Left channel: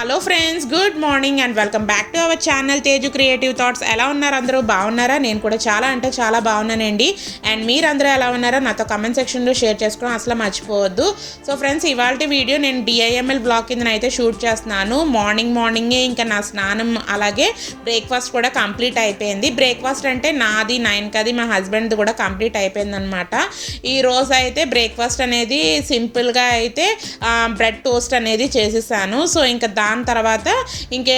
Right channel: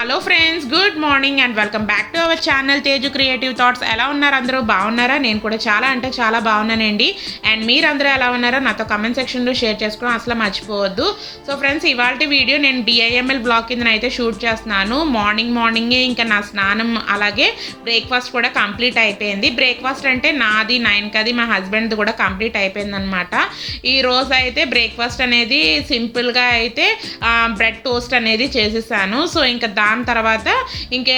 Hello friends, good morning and welcome back to our channel Teju creative thoughts. ఎలా ఉన్నారు అందరూ? బాగున్నారా? నేను కూడా చాలా అంటే చాలా బాగున్నానండి. అండ్ మీరందరూ ఎలా ఉన్నారో నాతో కమెంట్ సెక్షన్లో షేర్ చేసుకోవడం అసలు మర్చిపోవద్దు. సో ఫ్రెండ్స్, ఇవాళ వీడియో నేను డిఐఎంఎల్ బ్లాగ్ కింద అయితే షూట్ చేస్తున్నాను. మార్నింగే ఇంకా నా స్నానం అలాగే బ్రేక్ఫాస్ట్ కూడా కంప్లీట్ అయిపోయింది. బ్రేక్ఫాస్ట్ అంటే నాది 9 మా హస్బెండ్ది కూడా కంప్లీట్ అయిపోయింది అనమాట. ఈరోజు అయితే బ్రేక్ఫాస్ట్ అనేది సింపుల్గా అయితే బ్రెడ్ టోస్ట్ అనేది చేసేసాను. సో ఇంకా దాని తర్వాత ఇంకే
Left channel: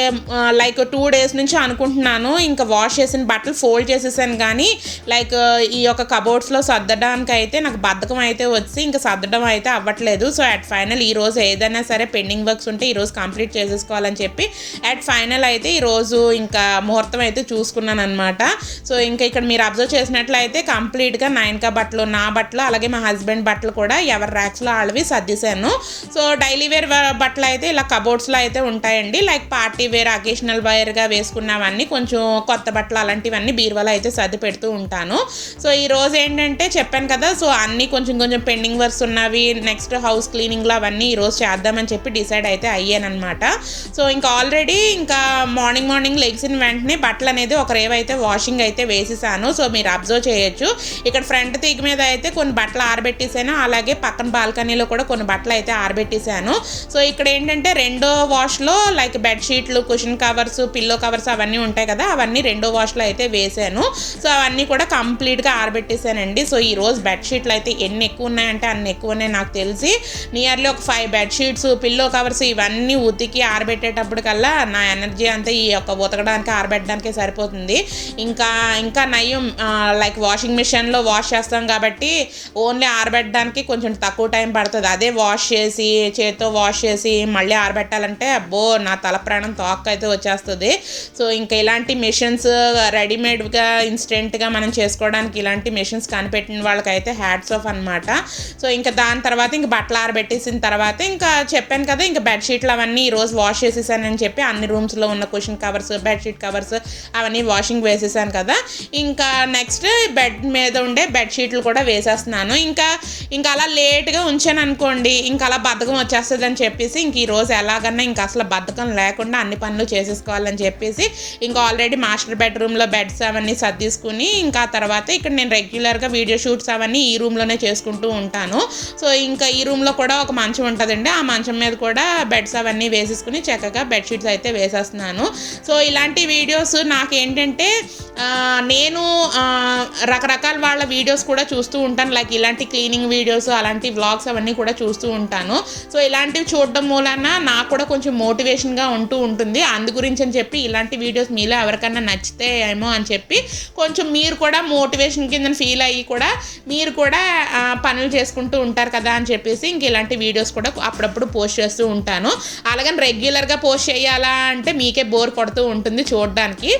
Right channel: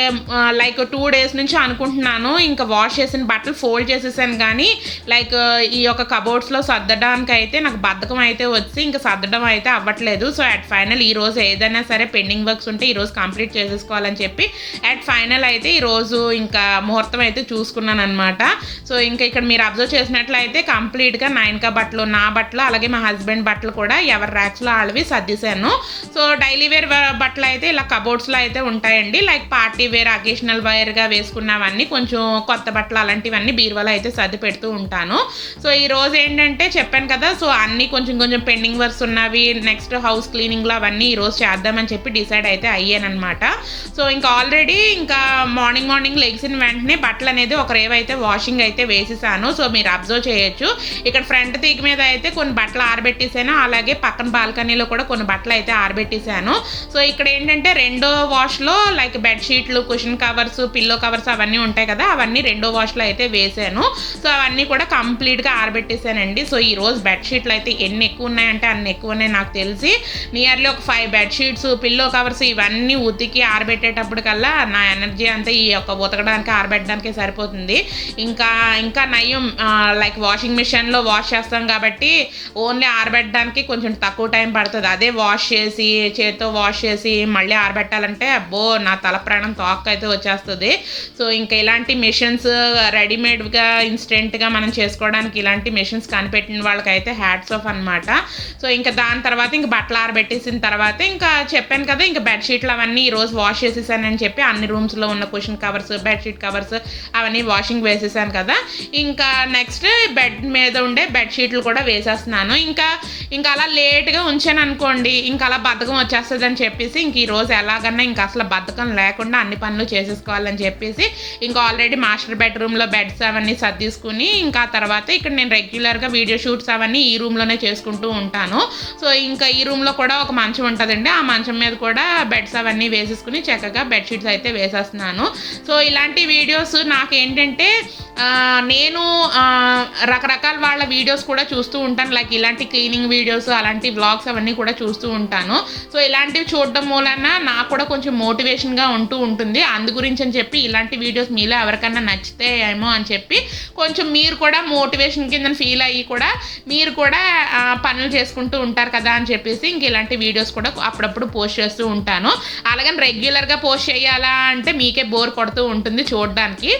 లైక్ 2 days నుంచి అనుకుంటున్నాను, ఇంకా వాష్ చేసిన బట్టలు ఫోల్డ్ చేసేసాను, కానీ లైక్ ఈ యొక్క కబోర్డ్స్లో సర్దడానికి అయితే నాకు బద్ధకం అయితే వచ్చి ఇంకా సర్దడం అయితే అవ్వట్లేదు. సో అట్ ఫైనల్ ఈరోజు ఏదైనా సరే పెండింగ్ వర్క్స్ ఉంటే ఈరోజు కంప్లీట్ చేసేసుకోవాలని చెప్పి అట్ ఫైనల్ అయితే ఈరోజు ఇంకా ముహూర్తం అయితే చూసుకున్నాను అనమాట. సో ఇంకా ఇక్కడ మీరు అబ్జర్వ్ చేసినట్లయితే కంప్లీట్గా 9 బట్టలు, నా బట్టలు అలాగే మా హస్బెండ్ బట్టలు కూడా ఎవరి ర్యాక్స్లో వాళ్ళవి సర్దిశాను. సో డైలీ వేర్ బట్టలు అయితే ఇలా కబోర్డ్స్లో అయితే ఉంటాయండి. లైక్ పార్టీ వేర్, అకేషనల్ వేర్గా వేసుకున్నవన్నీ, కొంచెం కొత్త బట్టలు అలాంటివన్నీ బీరువాలో అయితే సర్ది పెడుతూ ఉంటాను. సో ఈ రోజు ఏంటంటే చెప్పాను కదా, సో అన్నీ కొంచెం పెండింగ్ వర్క్స్ ఉన్నవి, నెక్స్ట్ హౌస్ క్లీనింగ్లో అవన్నీ ఈరోజు చేద్దామని చెప్పి డిసైడ్ అయితే అయ్యానమాట. సో ఇంకా ఆల్రెడీ ఇంకా మార్నింగ్ లెగ్సిన వెంటనే బట్టలు అనేది ఒక రేవ్ అయితే వాషింగ్ అయితే వేసేసాను. సో మీరు అబ్జర్వ్ చేయొచ్చు, ఇక్కడ ఫ్రంట్ తీగ మీద అయితే కొన్ని బట్టలు ఆరబెట్టేసాను, అలాగే పక్కన బాల్కనీలో కూడా కొన్ని బట్టలు అయితే ఆరబెట్టేసాను. సో ఇక్కడ ఏంటంటే రెండో వాష్లో లైక్ బెడ్షీట్లు, కుషన్ కవర్స్, పిల్లో కవర్స్ అవన్నీ ఉంటాయి కదా, అవన్నీ రెండో వాష్లో అయితే వేసాను. సో అవన్నీ కూడా కంప్లీట్గా ఆరబెట్టేసానండి. సో ఈరోజు బెడ్షీట్లు అయితే ఎన్ని ఎక్కువ ఉన్నాయంటే అన్ని ఎక్కువ ఉన్నాయి. నాకు తెలిసి నియర్లీ ఒక 5 బెడ్షీట్స్, పిల్లో కవర్స్ ఇవన్నీ ఉతికి ఆరబెట్టేటప్పటికల్లా నా ఎనర్జీ అంతా ఈ యొక్క ఉతకడానికి ఆరబెట్టడానికే సరిపోతుంది. ఇంకా నయం లైక్ వాషింగ్ మిషన్లో వాష్ చేస్తాం కాబట్టి ఓన్లీ ఆరబెట్టడానికి కొంచెం తక్కువ టైం పడుతుంది. అదే వాష్ చేసి చేతితో వాష్ చేసి మళ్ళీ ఆరబెట్టాలంటే అబ్బో నా తల ప్రాణం తోక్క అయితే వచ్చేస్తుంది. సో ఇంకా ఇలాంటి మెషిన్స్ రెడీమేడ్గా ఇన్స్టెంట్గా మనం చేసుకోవడానికి ఇలాంటి మెషిన్స్ కనిపెట్టిన వాళ్ళకైతే హ్యాట్స్ ఆఫ్ అనమాట. సో ఇంకా దాని తర్వాత ఇంక బట్టలు ఆరబెట్టేసిన తర్వాత ఇంకా చెప్పాను కదా, ఇంకా బెడ్షీట్లు అవన్నీ ఈరోజు వాష్ చేసేసానని చెప్పి అన్ని రూమ్స్లో ఉన్న కుషన్ కవర్స్, బెడ్షీట్ కవర్స్ అవన్నీ వాషింగ్ వేసేసాను కదా. ఇంకా నెక్స్ట్ బెడ్ మీద ఉండే బెడ్షీట్లు కూడా వేసేస్తున్నాను. ఇంకా అలా లేట్గా ఉంచాను అనుకోండి, ఇంకా అలా బద్ధకం వచ్చేస్తుంది అని చెప్పేసి ఇంక ఈరోజు ఎలాగన్నా ఇంకా అసలు బద్ధకం లేకుండా అన్ని పనులు చేసేసుకోవాలని చెప్పేసి ఇంకా ఆల్రెడీ మాస్టర్ బెడ్రూమ్లో బెడ్స్ అవన్నీ సర్దిసుకుని ఇంకా తర్వాత ఇక్కడ నేను రెగ్యులర్గా వీడియో షూట్స్ అవన్నీ ఈ రూమ్లోనే చేసుకుంటూ ఉంటాను. సో ఇంకా ఈ రూమ్లో కూడా ఒక మంచం ఉంటుందండి, ఆ మంచం మీద కూడా బెడ్స్ అవన్నీ వేసేసుకుని చక్కగా బెడ్షీట్స్ అయితే వేసేస్తున్నాను. సో ఇలాంటి వీడియోస్ నాకేంటంటే నేను రకరకాల వాళ్ళ వీడియోస్ కూడా చూస్తూ ఉంటాను, లైక్ ఇలాంటి క్లీనింగ్ వీడియోస్ అలాంటి వ్లాగ్స్ అవన్నీ కూడా చూస్తూ ఉంటాను. సో ఇలాంటివి చూడడం మూలన నాకు కూడా కొంచెం మోటివేషన్గా ఉంటూ ఉంటుంది. అందు గురించి అని చెప్పి ఇలాంటి వీడియోస్ మీలో ఎవరికైనా నచ్చితే ఏమో అని చెప్పి కొంచెం మీరు కూడా మోటివేషన్ కింద ఫీల్ అయ్యి కూడా మీరు కూడా పనులు చేసుకుంటూ ఉంటారు కదా అని చెప్పేసి ఇంక ఇలాంటి వీడియోస్ కూడా అప్పుడప్పుడు పోస్ట్ చేస్తూ ఉంటాను. అలాగని రెగ్యులర్గా పోస్ట్ చేయాలా అంటే మీకే బోర్ కొడుతూ ఉంటుంది చూడడానికి.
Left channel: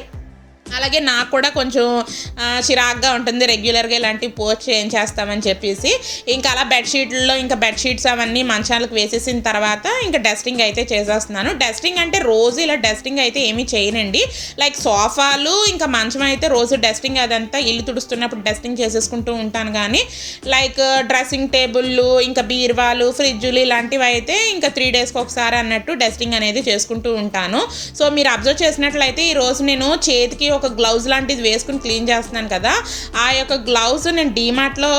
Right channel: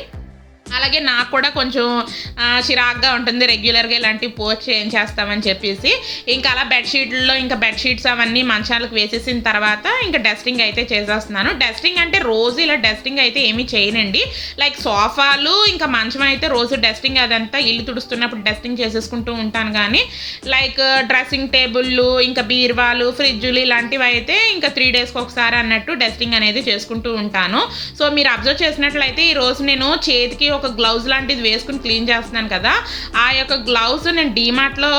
అలాగే నాకు కూడా కొంచెం చిరాగ్గా ఉంటుంది రెగ్యులర్గా ఇలాంటివి పోస్ట్ చేస్తామని చెప్పేసి ఇంకా అలా బెడ్షీట్లో ఇంకా బెడ్షీట్స్ అవన్నీ మంచాలకు వేసేసిన తర్వాత ఇంకా డస్టింగ్ అయితే చేసేస్తున్నాను. డస్టింగ్ అంటే రోజు ఇలా డస్టింగ్ అయితే ఏమీ చేయనండి, లైక్ సోఫాలు ఇంకా మంచం అయితే రోజు డస్టింగ్ అదంతా ఇల్లు తుడుస్తున్నప్పుడు డస్టింగ్ చేసేసుకుంటూ ఉంటాను, కానీ లైక్ డ్రెస్సింగ్ టేబుల్లు ఇంకా బీరువాలు, ఫ్రిడ్జులు ఇలాంటివి అయితే ఇంకా 3 daysకి ఒకసారి అన్నట్టు డస్టింగ్ అనేది చేసుకుంటూ ఉంటాను. సో మీరు అబ్జర్వ్ చేసినట్లయితే ఈరోజు నేను చేతికి ఒక గ్లౌజ్ లాంటిది వేసుకుని క్లీన్ చేస్తున్నాను కదా, ఆ యొక్క గ్లౌజ్ నేను డీమార్ట్లో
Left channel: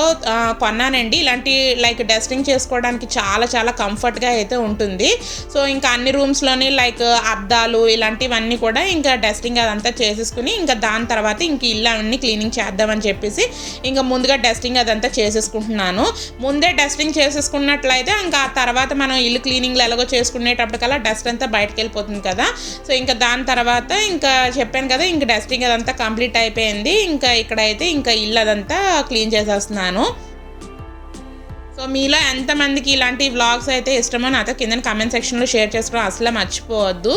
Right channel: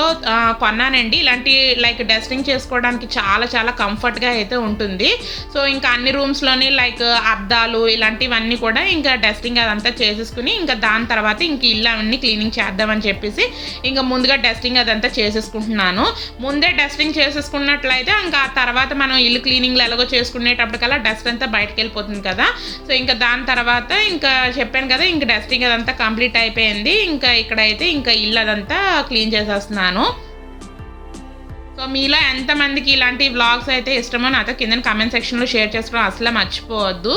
కొన్నానండి. ఇలాంటి లైక్ డస్టింగ్ చేసుకోవడానికి చాలా చాలా కంఫర్ట్గా అయితే ఉంటుంది. సో ఇంకా అన్ని రూమ్స్లోని లైక్ అద్దాలు ఇలాంటివన్నీ కూడా ఇంకా డస్టింగ్ అదంతా చేసేసుకుని ఇంకా దాని తర్వాత ఇంక ఇల్లు అవన్నీ క్లీనింగ్ చేద్దామని చెప్పేసి ఇంకా ముందుగా డస్టింగ్ అదంతా చేసేసుకుంటున్నాను. ముందే డస్టింగ్ చేసేసుకున్నట్లయితే ఇంకా ఆ తర్వాత మనం ఇల్లు క్లీనింగ్లో ఎలాగో చేసుకునేటప్పటికల్లా డస్ట్ అంతా బయటకు వెళ్ళిపోతుంది కదా. సో ఇంకా దాని తర్వాత ఇంకా చెప్పాను కదా, ఇంకా డస్టింగ్ అదంతా కంప్లీట్ అయిపోయింది. ఇంకా ఇక్కడైతే ఇంకా ఇల్లు అదంతా క్లీన్ చేసేస్తున్నాను. సో మీలో ఎంతమందికి ఇలాంటి వ్లాగ్స్ అయితే ఇష్టమో నాతో కింద కామెంట్ సెక్షన్లో షేర్ చేసుకోవడం అసలు మర్చిపోవద్దు.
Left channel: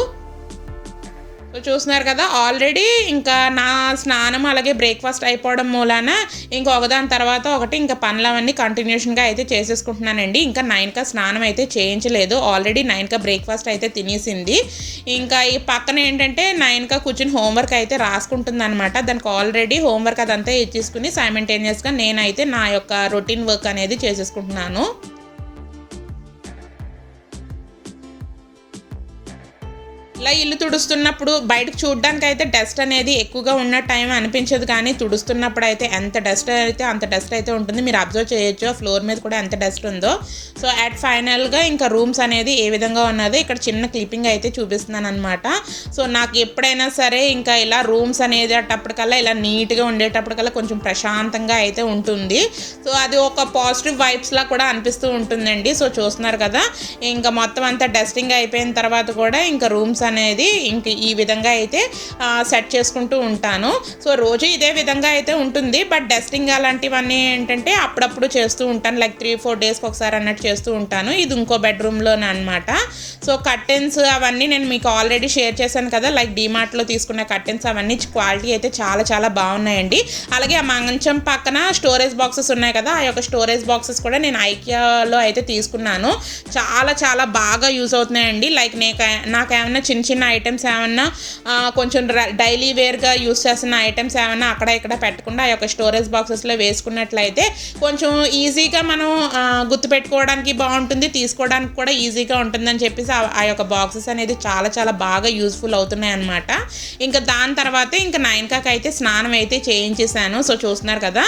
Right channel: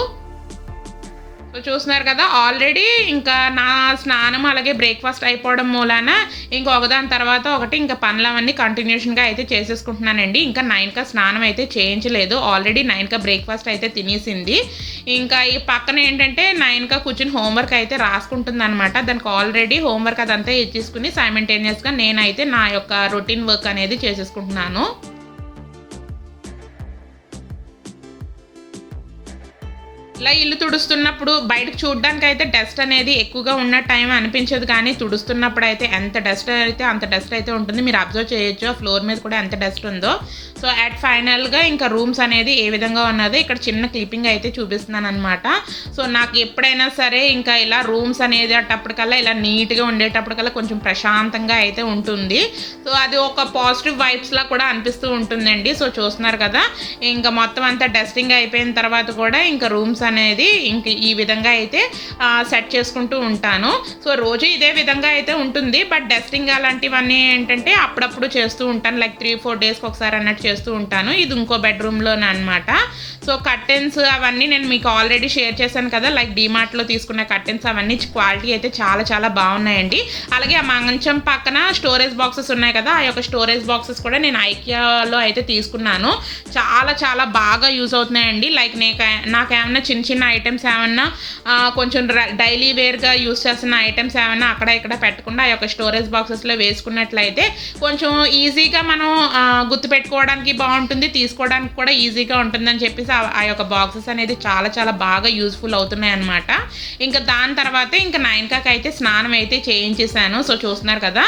సో చూస్తున్నారు కదా, ఆల్రెడీ ఇంకా నా స్నానం అలాగే బ్రేక్ఫాస్ట్ అయిపోవడం మూలాన ఇంకా ఒకదాని తర్వాత ఒకటి ఇంకా పనులు అవన్నీ కంటిన్యూషన్గా అయితే చేసేసుకుంటున్నానండి. ఇంకా 9కి స్నానం అయితే చేయించలేదు, ఆల్రెడీ 9కి బ్రేక్ఫాస్ట్ అయితే తినేసింది. ఇంకా ఈ పక్కన ఏంటంటే 9కి కూర్చుని హోంవర్క్ అయితే రాసుకుంటుంది అనమాట. దానికి ఆల్రెడీ హోంవర్క్ అదంతా ఇచ్చేసుకుని సైమల్టేనియస్గా నేనైతే నా యొక్క రొటీన్ వర్క్ అనేది చేసేసుకుంటున్నాను. ఇలా ఇల్లు తుడుస్తున్నప్పుడు బయటకు చూడడానికి అయితే డస్ట్ అనేది ఎక్కువగా ఉన్న టైం అనిపించదు, కానీ తుడుస్తున్నప్పుడు అయితే ఎంత డస్ట్ అయితే అంత డస్ట్ అయితే ఉంటుంది. మీరు అబ్జర్వ్ చేయొచ్చు ఆ ఫ్లోర్ మీద కూడా ఎంత డస్ట్ ఉందో. సో అట్ ఫైనల్గా ఇంకా రూమ్స్ అనేది ఏ విధంగా ఉన్నదో ఇక్కడ చిన్న క్లిప్పింగ్ అయితే చూపిస్తున్నాను అనమాట. సో నాకు ఎప్పుడైనా సరే ఇంకా ఇలా రూమ్స్ అనేది అట్టప్పటికల్లా ఇలా నీట్గా ఉండేటప్పటికల్లా కొంచెం ప్రశాంతంగా అయితే ఉంటుంది. సో అది ఒక పాజిటివ్ వైబ్స్లా కూడా అనిపిస్తూ ఉంటుందండి. సో చూస్తున్నారు కదా, ఇంకా మొత్తం అంతా డస్టింగ్ అయిపోయిన తర్వాత కూడా ఇంకా రూమ్స్ అనేది ఇంక ఈ విధంగా అయితే సెట్ చేసుకుంటూ ఉంటాను. సో రోజు ఇదే విధంగా అయితే ఉంటుంది, బట్ డస్టింగ్ అలాంటివన్నీ ఏంటంటే అప్పుడప్పుడు చేస్తూ ఉంటాను. లైక్ 3-4 డేస్కి ఒకసారి అన్నట్టు చేస్తూ ఉంటాను. ఇది ఇంకో బెడ్రూమ్లోనే అనమాట. సో కర్టెన్స్ అవన్నీ నేను మీకు ఆల్రెడీ షేర్ చేశాను కదా, లైక్ డీమార్ట్లో తీసుకున్న కర్టెన్స్ అవన్నీ క్వాలిటీ అయితే చాలా చాలా బాగున్నాయండి. అలాగే ఆ మంచం పక్కన స్టోరేజ్ బాక్సెస్ ఉన్నాయి కదా, ఆ యొక్క స్టోరేజ్ బాక్సెస్ కూడా నేను ఐకియాలో అయితే తీసుకున్నాను. చాలా చాలా బాగా యూజ్ అవుతున్నాయండి. లైక్ నాకేమన్నా చిన్న చిన్న ఐటమ్స్ ఏమన్నా కొంచెం డైలీ వేర్గా యూస్ చేస్తున్న ఐటమ్స్ ఏమన్నా అక్కడ ఇక్కడ పెట్టకుండా ఆ యొక్క స్టోరేజ్ బాక్సెస్లో వేసుకున్నట్లయితే కొంచెం ఈజీగా మనం గుర్తుపెట్టుకోవడానికి బాగుంటుంది, తీసుకోవడానికి కూడా ఈజీగా ఉంటుందని చెప్పేసి ఆ యొక్క బాక్సెస్ అనేది చాలా చాలా బాగా యూస్ఫుల్ అవుతున్నాయి అనమాట. ఇంకా దాని తర్వాత ఇంకా నయనకాకి అయితే స్నానం అయితే చేయించేసాను. సో చూస్తున్నారు కదా,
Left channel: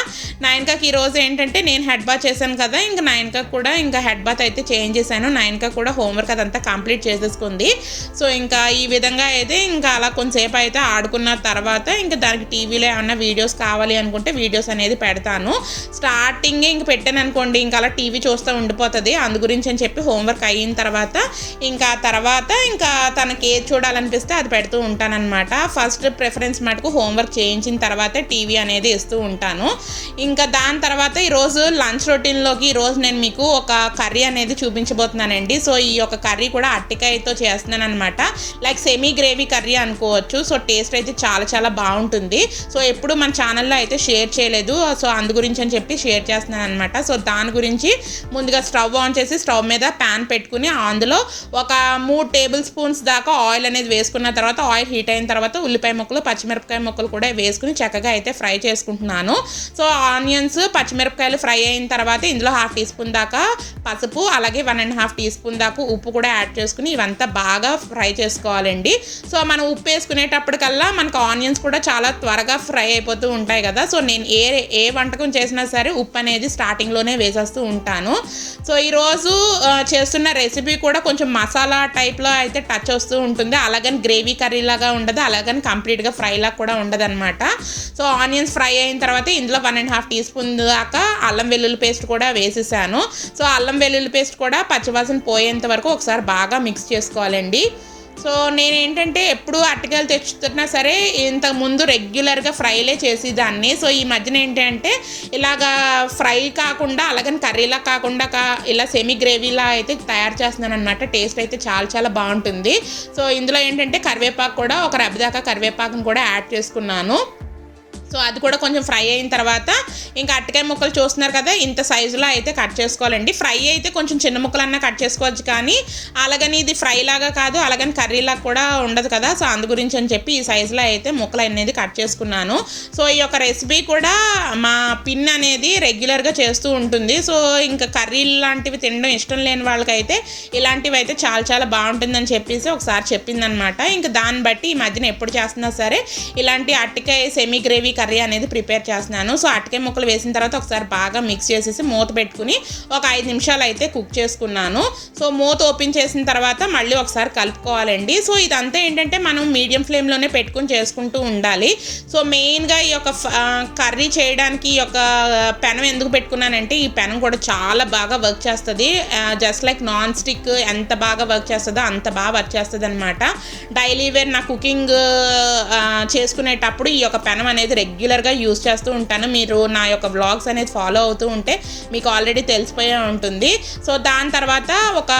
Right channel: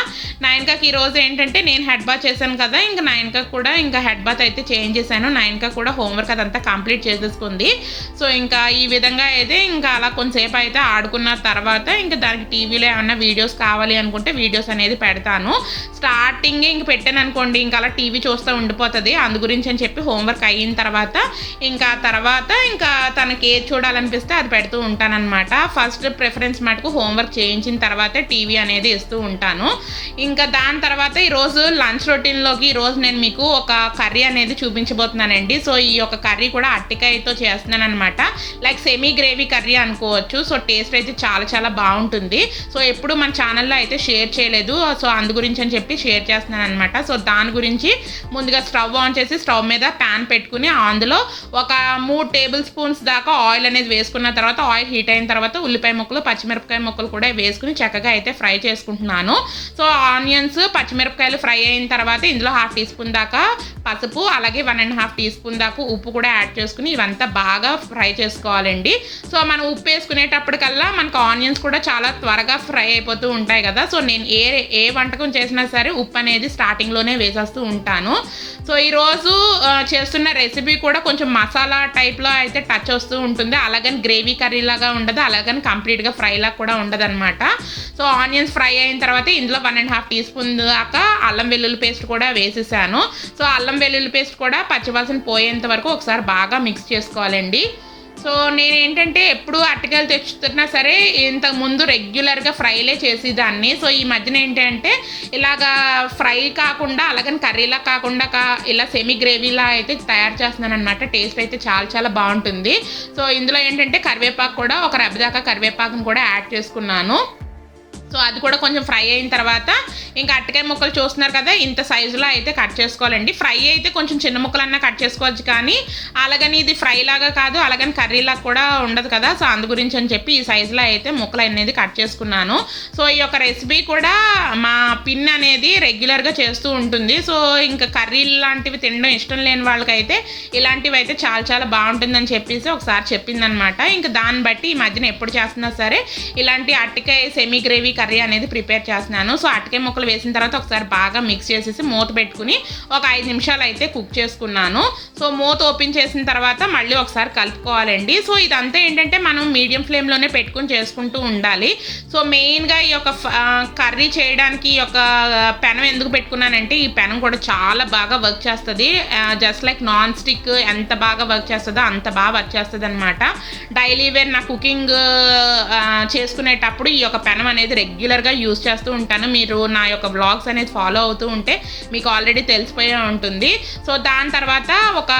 నయనకాకి ఈరోజు ఏంటంటే నేను హెడ్ బాత్ చేశాను కదా, ఇంకా నయనకాకి కూడా ఇంకా హెడ్ బాత్ అయితే చేయించేసాను. నయనక కూడా హోంవర్క్ అదంతా కంప్లీట్ చేసేసుకుంది. సో ఇంకా ఈ విధంగా అయితే ఇంకా అలా కొంతసేపు అయితే ఆడుకున్న తర్వాత ఇంకా దానికి టీవీలో ఏమన్నా వీడియోస్ కావాలి అనుకుంటే వీడియోస్ అనేది పెడతాను. స్టార్టింగే ఇంక పెట్టాను అనుకోండి, ఇంకా అలా టీవీ చూస్తూ ఉండిపోతుంది. అందు గురించి అని చెప్పి హోంవర్క్ అయిన తర్వాత ఇంకా తనకి ఏది చూడాలనిపిస్తే అది పెడుతూ ఉంటానన్నమాట. ఫస్ట్ ప్రిఫరెన్స్ మటుకు హోంవర్క్ చేయించిన తర్వాతే టీవీ అనేది ఇస్తూ ఉంటాను. ఇంకా దాని తర్వాత ఈరోజు లంచ్ రొటీన్లోకి ఈరోజు నేను మీకు ఒక కర్రీ అనేది చూపించబోతున్నానండి. సో ఈ యొక్క కర్రీ కూడా అరటికాయతో చేస్తున్నాను అనమాట. లైక్ సెమీ గ్రేవీ కర్రీ అనుకోవచ్చు. సో టేస్ట్ అయితే చాలా చాలా బాగుంటుంది. సో ఎప్పుడు మన ఛానల్లో అయితే షేర్ చేయలేదు, సో అందు గురించి అని చెప్పి షేర్ చేస్తున్నాను అనమాట. సో దాని గురించి ముందుగా స్టవ్ ఆన్ చేసి స్టవ్ మీద ప్యాన్ పెట్టుకుని అందులో ఒక 3 టేబుల్ స్పూన్స్ దాకా ఆయిల్ అనేది వేసుకున్న తర్వాత ఆయిల్ హీట్ అయిన తర్వాత ఉల్లిపాయ ముక్కలు పచ్చిమిరపకాయ ముక్కలు కూడా వేసుకుని చక్కగా అయితే ఫ్రై చేసుకుంటున్నాను. సో ఆనియన్స్ పచ్చిమిరపకాయలు ఫ్రై అయిన తర్వాత ఇందులో 1/2 టీ స్పూన్ దాకా పసుపు అలాగే 1.5 టీ స్పూన్ దాకా ఉప్పు కూడా యాడ్ చేసుకుని ఇవంతా బాగా ఫ్రై చేసుకోవాలండి. సో మనం ఉప్పు వేసుకునేటప్పటికల్లా మనకు ఆనియన్స్ కూడా చాలా త్వరగా ఫ్రై అయిపోతూ ఉంటాయి కదా. సో నేను ఏ వంటకం చేసినా సరే ఉప్పు అనేది స్టార్టింగ్లోనే వేసేస్తూ ఉంటాను. సో ఈరోజు చేస్తున్న రెసిపీ కూడా కొంచెం మసాలా టైప్లో అయితే టచ్ వస్తూ ఉంటుంది. అలాగని గ్రేవీ కర్రీ లాగా ఉండదు, అలాగని కంప్లీట్గా ఫ్రై లాగా కూడా ఉండదు అనమాట. సో ఆనియన్స్ ఫ్రై అయిన తర్వాత ఇందులో 1.5 టీ స్పూన్ దాకా అల్లం వెల్లుల్లి పేస్ట్ కూడా వేసేసాను. సో అల్లం వెల్లుల్లి పేస్ట్ కూడా పచ్చివాసన పోయేంత వరకు ఒకసారి బాగా మిక్స్ చేసుకోవాలండి. సో నేనేంటంటే ఎప్పుడు అరటికాయలు తెచ్చుతున్నా సరే ఇంతకుముందు రెగ్యులర్గా ఫ్రైలే చేసేదాన్ని. సో ఈ మధ్యన ఏంటంటే ఇలాగా ఫ్రై కాకుండా అలాగని కర్రీలా కాకుండా ఇలా సెమీ గ్రేవీలా అయితే తయారు చేస్తున్నాను అనమాట. టేస్ట్ అయితే చాలా చాలా బాగుంటుంది. సో ఇందులో ఏంటంటే కరివేపాకు కూడా ఒక రెబ్బ దాకా కరివేపాకును కూడా యాడ్ చేసుకున్నాను. సో అది కూడా కొంచెం ఫ్రై అయిన తర్వాత ఇంకా అరటికాయ ముక్కలు చూస్తున్నారు కదా, ఇంత సైజులో అయితే కట్ చేసుకోవాలండి. ఫ్రై అయితే కొంచెం చిన్న ముక్కలన్నా కట్ చేసుకోవచ్చు, కానీ అలాగని ఇది ఫ్రై లాగా కాదు, అలాగని కర్రీలాగా కూడా ఉండదు కదా. సో అందు గురించి అని చెప్పి ఈ సైజులో అయితే ముక్కలు అనేది కట్ చేసుకున్నాను. సో ఈ యొక్క రెసిపీ కూడా మా పిన్ అనేది రెగ్యులర్గా చేస్తూ ఉంటుంది. సో ఇంకా కర్రీలు లాంటివి తినడం ఇష్టం లేని వాళ్ళకైతే ఇలాంటివి అయితే చాలా చాలా బాగుంటుందని చెప్పేసి ఒకసారి చెప్పిందనమాట. ఇంకా దాన్ని బట్టి ఈ మధ్యన ఎప్పుడు చేస్తున్నా సరే ఇలాంటి అరటికాయ సెమీ గ్రేవీ కర్రీ అనేది ప్రిపేర్ చేస్తున్నాను. సో అరటికాయ ముక్కలు వేసిన తర్వాత ఒకసారి బాగా మిక్స్ చేసేసి మూత పెట్టుకుని ఒక 5 నిమిషాలు అయితే కుక్ చేసుకున్నాను. సో మూత ఓపెన్ చేసిన తర్వాత మళ్ళీ ఒకసారి కలుపుకోవాలండి. సో ఇదంతా ఏంటంటే మనం మీడియం ఫ్లేమ్లోనే పెట్టుకుని చేసుకుంటూ ఉండాలి. సో మెయిన్గా ఈ యొక్క కర్రీ చేయడానికి ఈ యొక్క పెనం ఎందుకు పెట్టుకున్నానంటే ఈ పెనం కూడా చాలా బాగా వర్క్ చేస్తుంది. జస్ట్ లైక్ నాన్ స్టిక్ ఎంత బాగా వర్క్ చేస్తుందో అంత బాగా వర్క్ చేస్తుంది అనమాట. డైలీ వేర్ నా కుకింగ్ చేసుకునేటప్పుడు ఈ యొక్క పెనం అనేది రెగ్యులర్గా యూజ్ చేస్తూ ఉంటాను. మీరు నా యొక్క వ్లాగ్స్ అనేది ఫాలో అవుతూ ఉంటే మీకు ఆల్రెడీ తెలిసిపోయే ఉంటుంది. సో దాని తర్వాత ఒక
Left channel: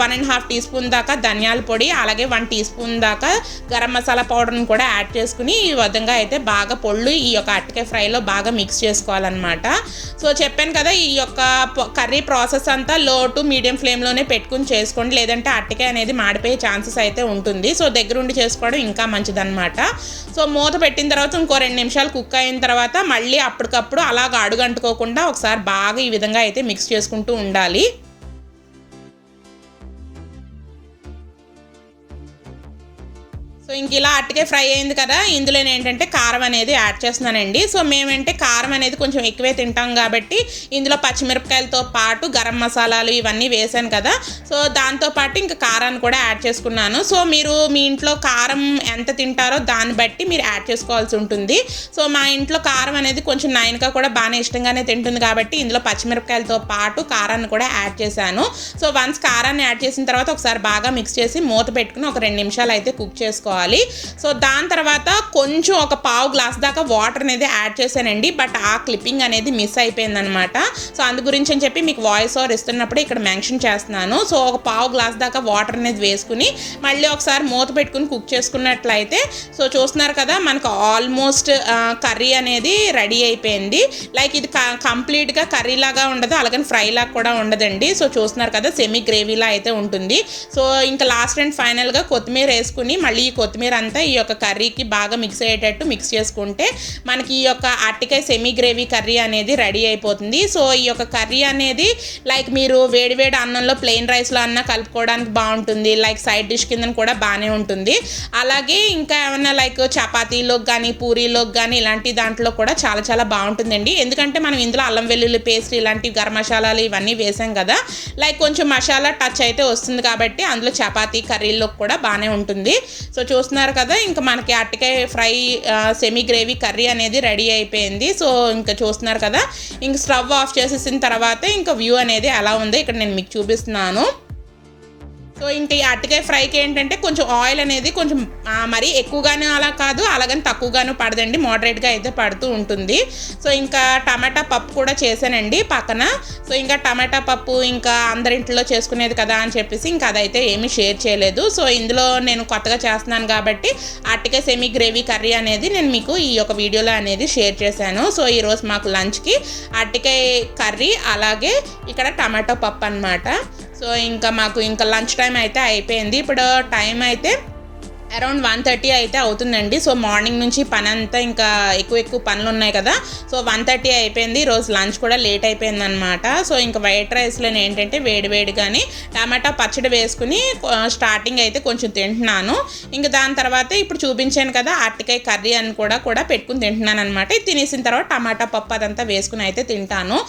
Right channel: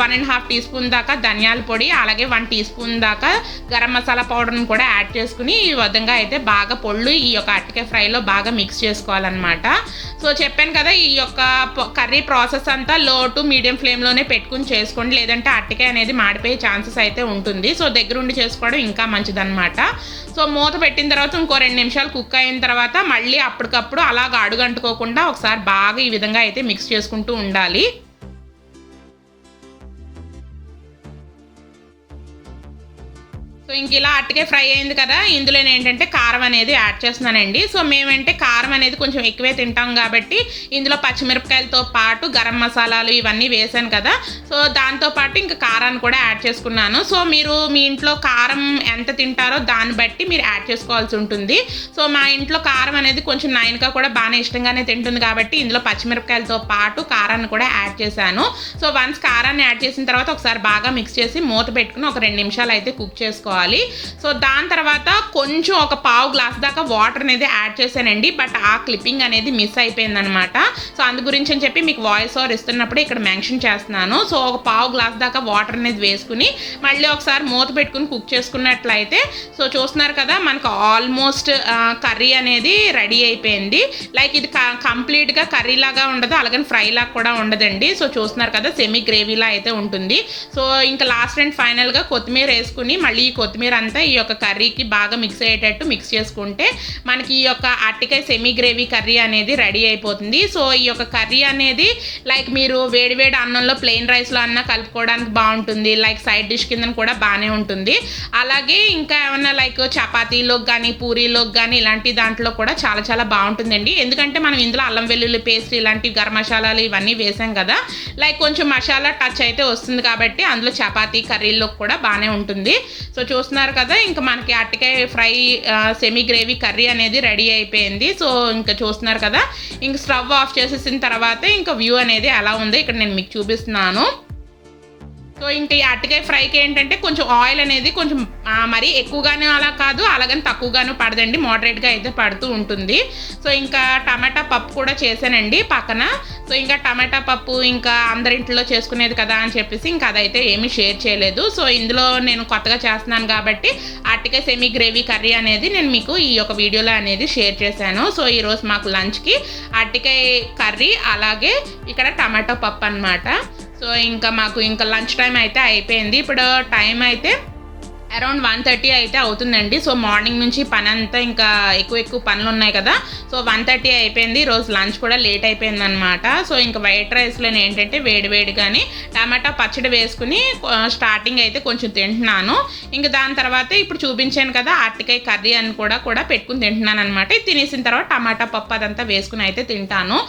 1.5 టీ స్పూన్ దాకా ధనియాల పొడి అలాగే 1 టీ స్పూన్ దాకా గరం మసాలా పౌడర్ని కూడా యాడ్ చేసుకుని ఈ విధంగా అయితే బాగా పొళ్ళు ఈ యొక్క అరటికాయ ఫ్రైలో బాగా మిక్స్ చేసుకోవాలన్నమాట. సో చెప్పాను కదా, ఈ యొక్క కర్రీ ప్రాసెస్ అంతా లో టు మీడియం ఫ్లేమ్లోనే పెట్టుకుని చేసుకోండి, లేదంటే అరటికాయ అనేది మాడిపోయే ఛాన్సెస్ అయితే ఉంటుంది. సో దగ్గరుండి చేసుకోవడం ఇంకా మంచిదన్నమాట. సో మూత పెట్టిన తర్వాత ఇంకో 2 నిమిషాలు కుక్ అయిన తర్వాత మళ్ళీ అప్పటికప్పుడు అలాగ అడుగంటుకోకుండా ఒకసారి బాగా ఈ విధంగా అయితే మిక్స్ చేసుకుంటూ ఉండాలి. ఇంక ఇలా అరటికాయ ఫ్రై అయింది కదా, ఇందులో ఏంటంటే కారం అనేది యాడ్ చేస్తున్నానండి. సో మేమంటే కారం అనేది కొంచెం ఎక్కువే తింటాం కాబట్టి ఇందులో పచ్చిమిరపకాయలతో పాటు గరం మసాలాలు ఇవన్నీ వేసాను కదా, సో దాంతోపాటు ఇంకా కారాన్ని కూడా యాడ్ చేసుకున్నాను. సో మీరు మీ ఇంట్లో కారం ఎంత తింటారో దాన్ని బట్టి మీరు యాడ్ చేసుకోవాల్సి ఉంటుంది. సో మా ఇంట్లో కారం అనేది కొంచెం నైన్గా కూడా బాగానే ఇష్టంగానే తింటుంది కాబట్టి ఇందులో పచ్చిమిరపకాయలతో పాటు కారాన్ని కూడా యాడ్ చేశాను. సో వన్స్ కారాన్ని యాడ్ చేసిన తర్వాత ఒకసారి బాగా మిక్స్ చేసి మూత పెట్టుకుని ఒక 2 నిమిషాలు అయితే కుక్ చేసుకోవాలి. సో దాని తర్వాత కొంచెం ఒక పావు గ్లాస్ దాకా వాటర్ అనేది యాడ్ చేశానండి, బట్ ఆ క్లిప్పింగ్ అనేది మిస్ అయిపోయింది అనమాట. సో అందు గురించి అని చెప్పి మీకు వాయిస్ ఓవర్ ఇస్తున్నప్పుడు ఇక్కడ మెన్షన్ చేస్తున్నాను. సో ఒక పావు గ్లాస్ దాకా వాటర్ అనేది వేసుకుని మళ్ళీ ఒకసారి మూత పెట్టుకుని కుక్ చేసుకున్నట్లయితే సో చూస్తున్నారు కదా మనకు ఆల్మోస్ట్ కర్రీ అనేది రెడీ అయిపోయింది. లైక్ ఇది కంప్లీట్గా కర్రీ లాగా ఉండదు, అలాగని ఫ్రై లాగా కూడా ఉండదండి. సో చూస్తున్నారు కదా సెమీ గ్రేవీలా అయితే ఉంటుంది. సో ఇంకా లాస్ట్ అండ్ ఫైనల్గా కొత్తిమీర వేసుకుని మళ్ళీ ఈ కొత్తిమీర అంతా ఈ యొక్క కర్రీకి బాగా మిక్స్ అయ్యేటట్టు మిక్స్ చేసుకుంటే మనకి ఈ యొక్క అరటికాయ సెమీ గ్రేవీ కర్రీ అనేది రెడీ అయిపోతుంది. సో ఈ యొక్క కర్రీ అనేది లైక్ మీరు వేడివేడి అన్నంలో ప్లెయిన్ రైస్లో అన్న కలుపుకోవడానికి బాగుంటుంది, లైక్ సైడ్ డిష్ కింద కూడా బాగానే ఉంటుంది. అలాగే ఇంకా ఏమన్నా లైక్ చపాతీలోకి కానీ పూరీలోకి కానీ ఇలాంటి దాంట్లో కూడా చాలా చాలా బాగుంటుందండి. ఎందుకంటే మనం ఇందులో అల్లం వెల్లుల్లి పేస్ట్ ఇలాంటి గరం మసాలాలు ఇవన్నీ వేసాం కదా, లైక్ కొంచెం మసాలా టచ్ అయితే వస్తుంది కాబట్టి అందులో చపాతీ కర్రీలో కూడా బాగానే ఉంటుంది. సో చూస్తున్నారు కదా ఇంకా మనకి అరటికాయ ఫ్రై సెమీ గ్రేవీ కర్రీ అనేది రెడీ అయిపోయింది. సో ఇంకా చూస్తున్నారు కదా, ఇంక స్టవ్ ఆఫ్ చేసేసిన తర్వాత ఇంకా వ్యూ అనేది ఎలా ఉందో ఇక్కడ నేను మీకు చూపిస్తున్నాను. సో ఇంకా ఈ అరటికాయ ఫ్రైకి ఏంటంటే కొంచెం ఆయిల్ అనేది కొంచెం మరీ ఎక్కువగానే అలా కాదు, అలాగని తక్కువగాను పడదండి, మోడరేట్గా అయితే పడుతూ ఉంటుంది. సో ఇంకా టమాటా పప్పు కూడా చేశానండి పక్కన. సో ఇంకా టమాటా పప్పు ఇంకా అందరింట్లో చేసుకునేది కదా అని చెప్పేసి ఇంకా అదైతే ఏమీ షేర్ చేయలేదు. సో ఇందులో నేను కొత్తగా చేస్తున్నాను కాబట్టి అరటికాయ సెమీ గ్రేవీ కర్రీ అనేది నేను మీకు ఈ యొక్క వీడియోలో అనేది షేర్ చేశాను. సో ఈరోజు మాకు లంచ్కి అరటికాయ కర్రీ అలాగే ఇక్కడ టమాటో పప్పు అనమాట. సో ఇంకా మాకు ఇంకా లంచ్ టైం అయితే అయిపోయింది. ఇప్పుడు టైం అయితే అరౌండ్ 1:30 అయితే అవుతుందండి. సో మార్నింగ్ నుంచి పని అంతా ఇంకా ఎక్కువ పనులు ఉన్నాయి కదా, సో 1:30 అయిపోయింది. ఈరోజు లంచ్ కూడా లేట్ అయిపోయింది అనమాట. సో ఇంకా వైట్ రైస్లో ఏంటంటే వేడివేడిగాని టమాటా పచ్చడి వేసుకుని స్టార్టింగ్ అయితే కొంచెం తింటున్నాను. ఇంకా దాని తర్వాత ఇప్పుడు చూపించాను కదా అరటికాయ కర్రీ అని కూడా పెట్టుకుని తింటున్నాను అనమాట. తినేసిన తర్వాత టమాటా పప్పు అదంతా వేసుకుని అయితే తింటాను.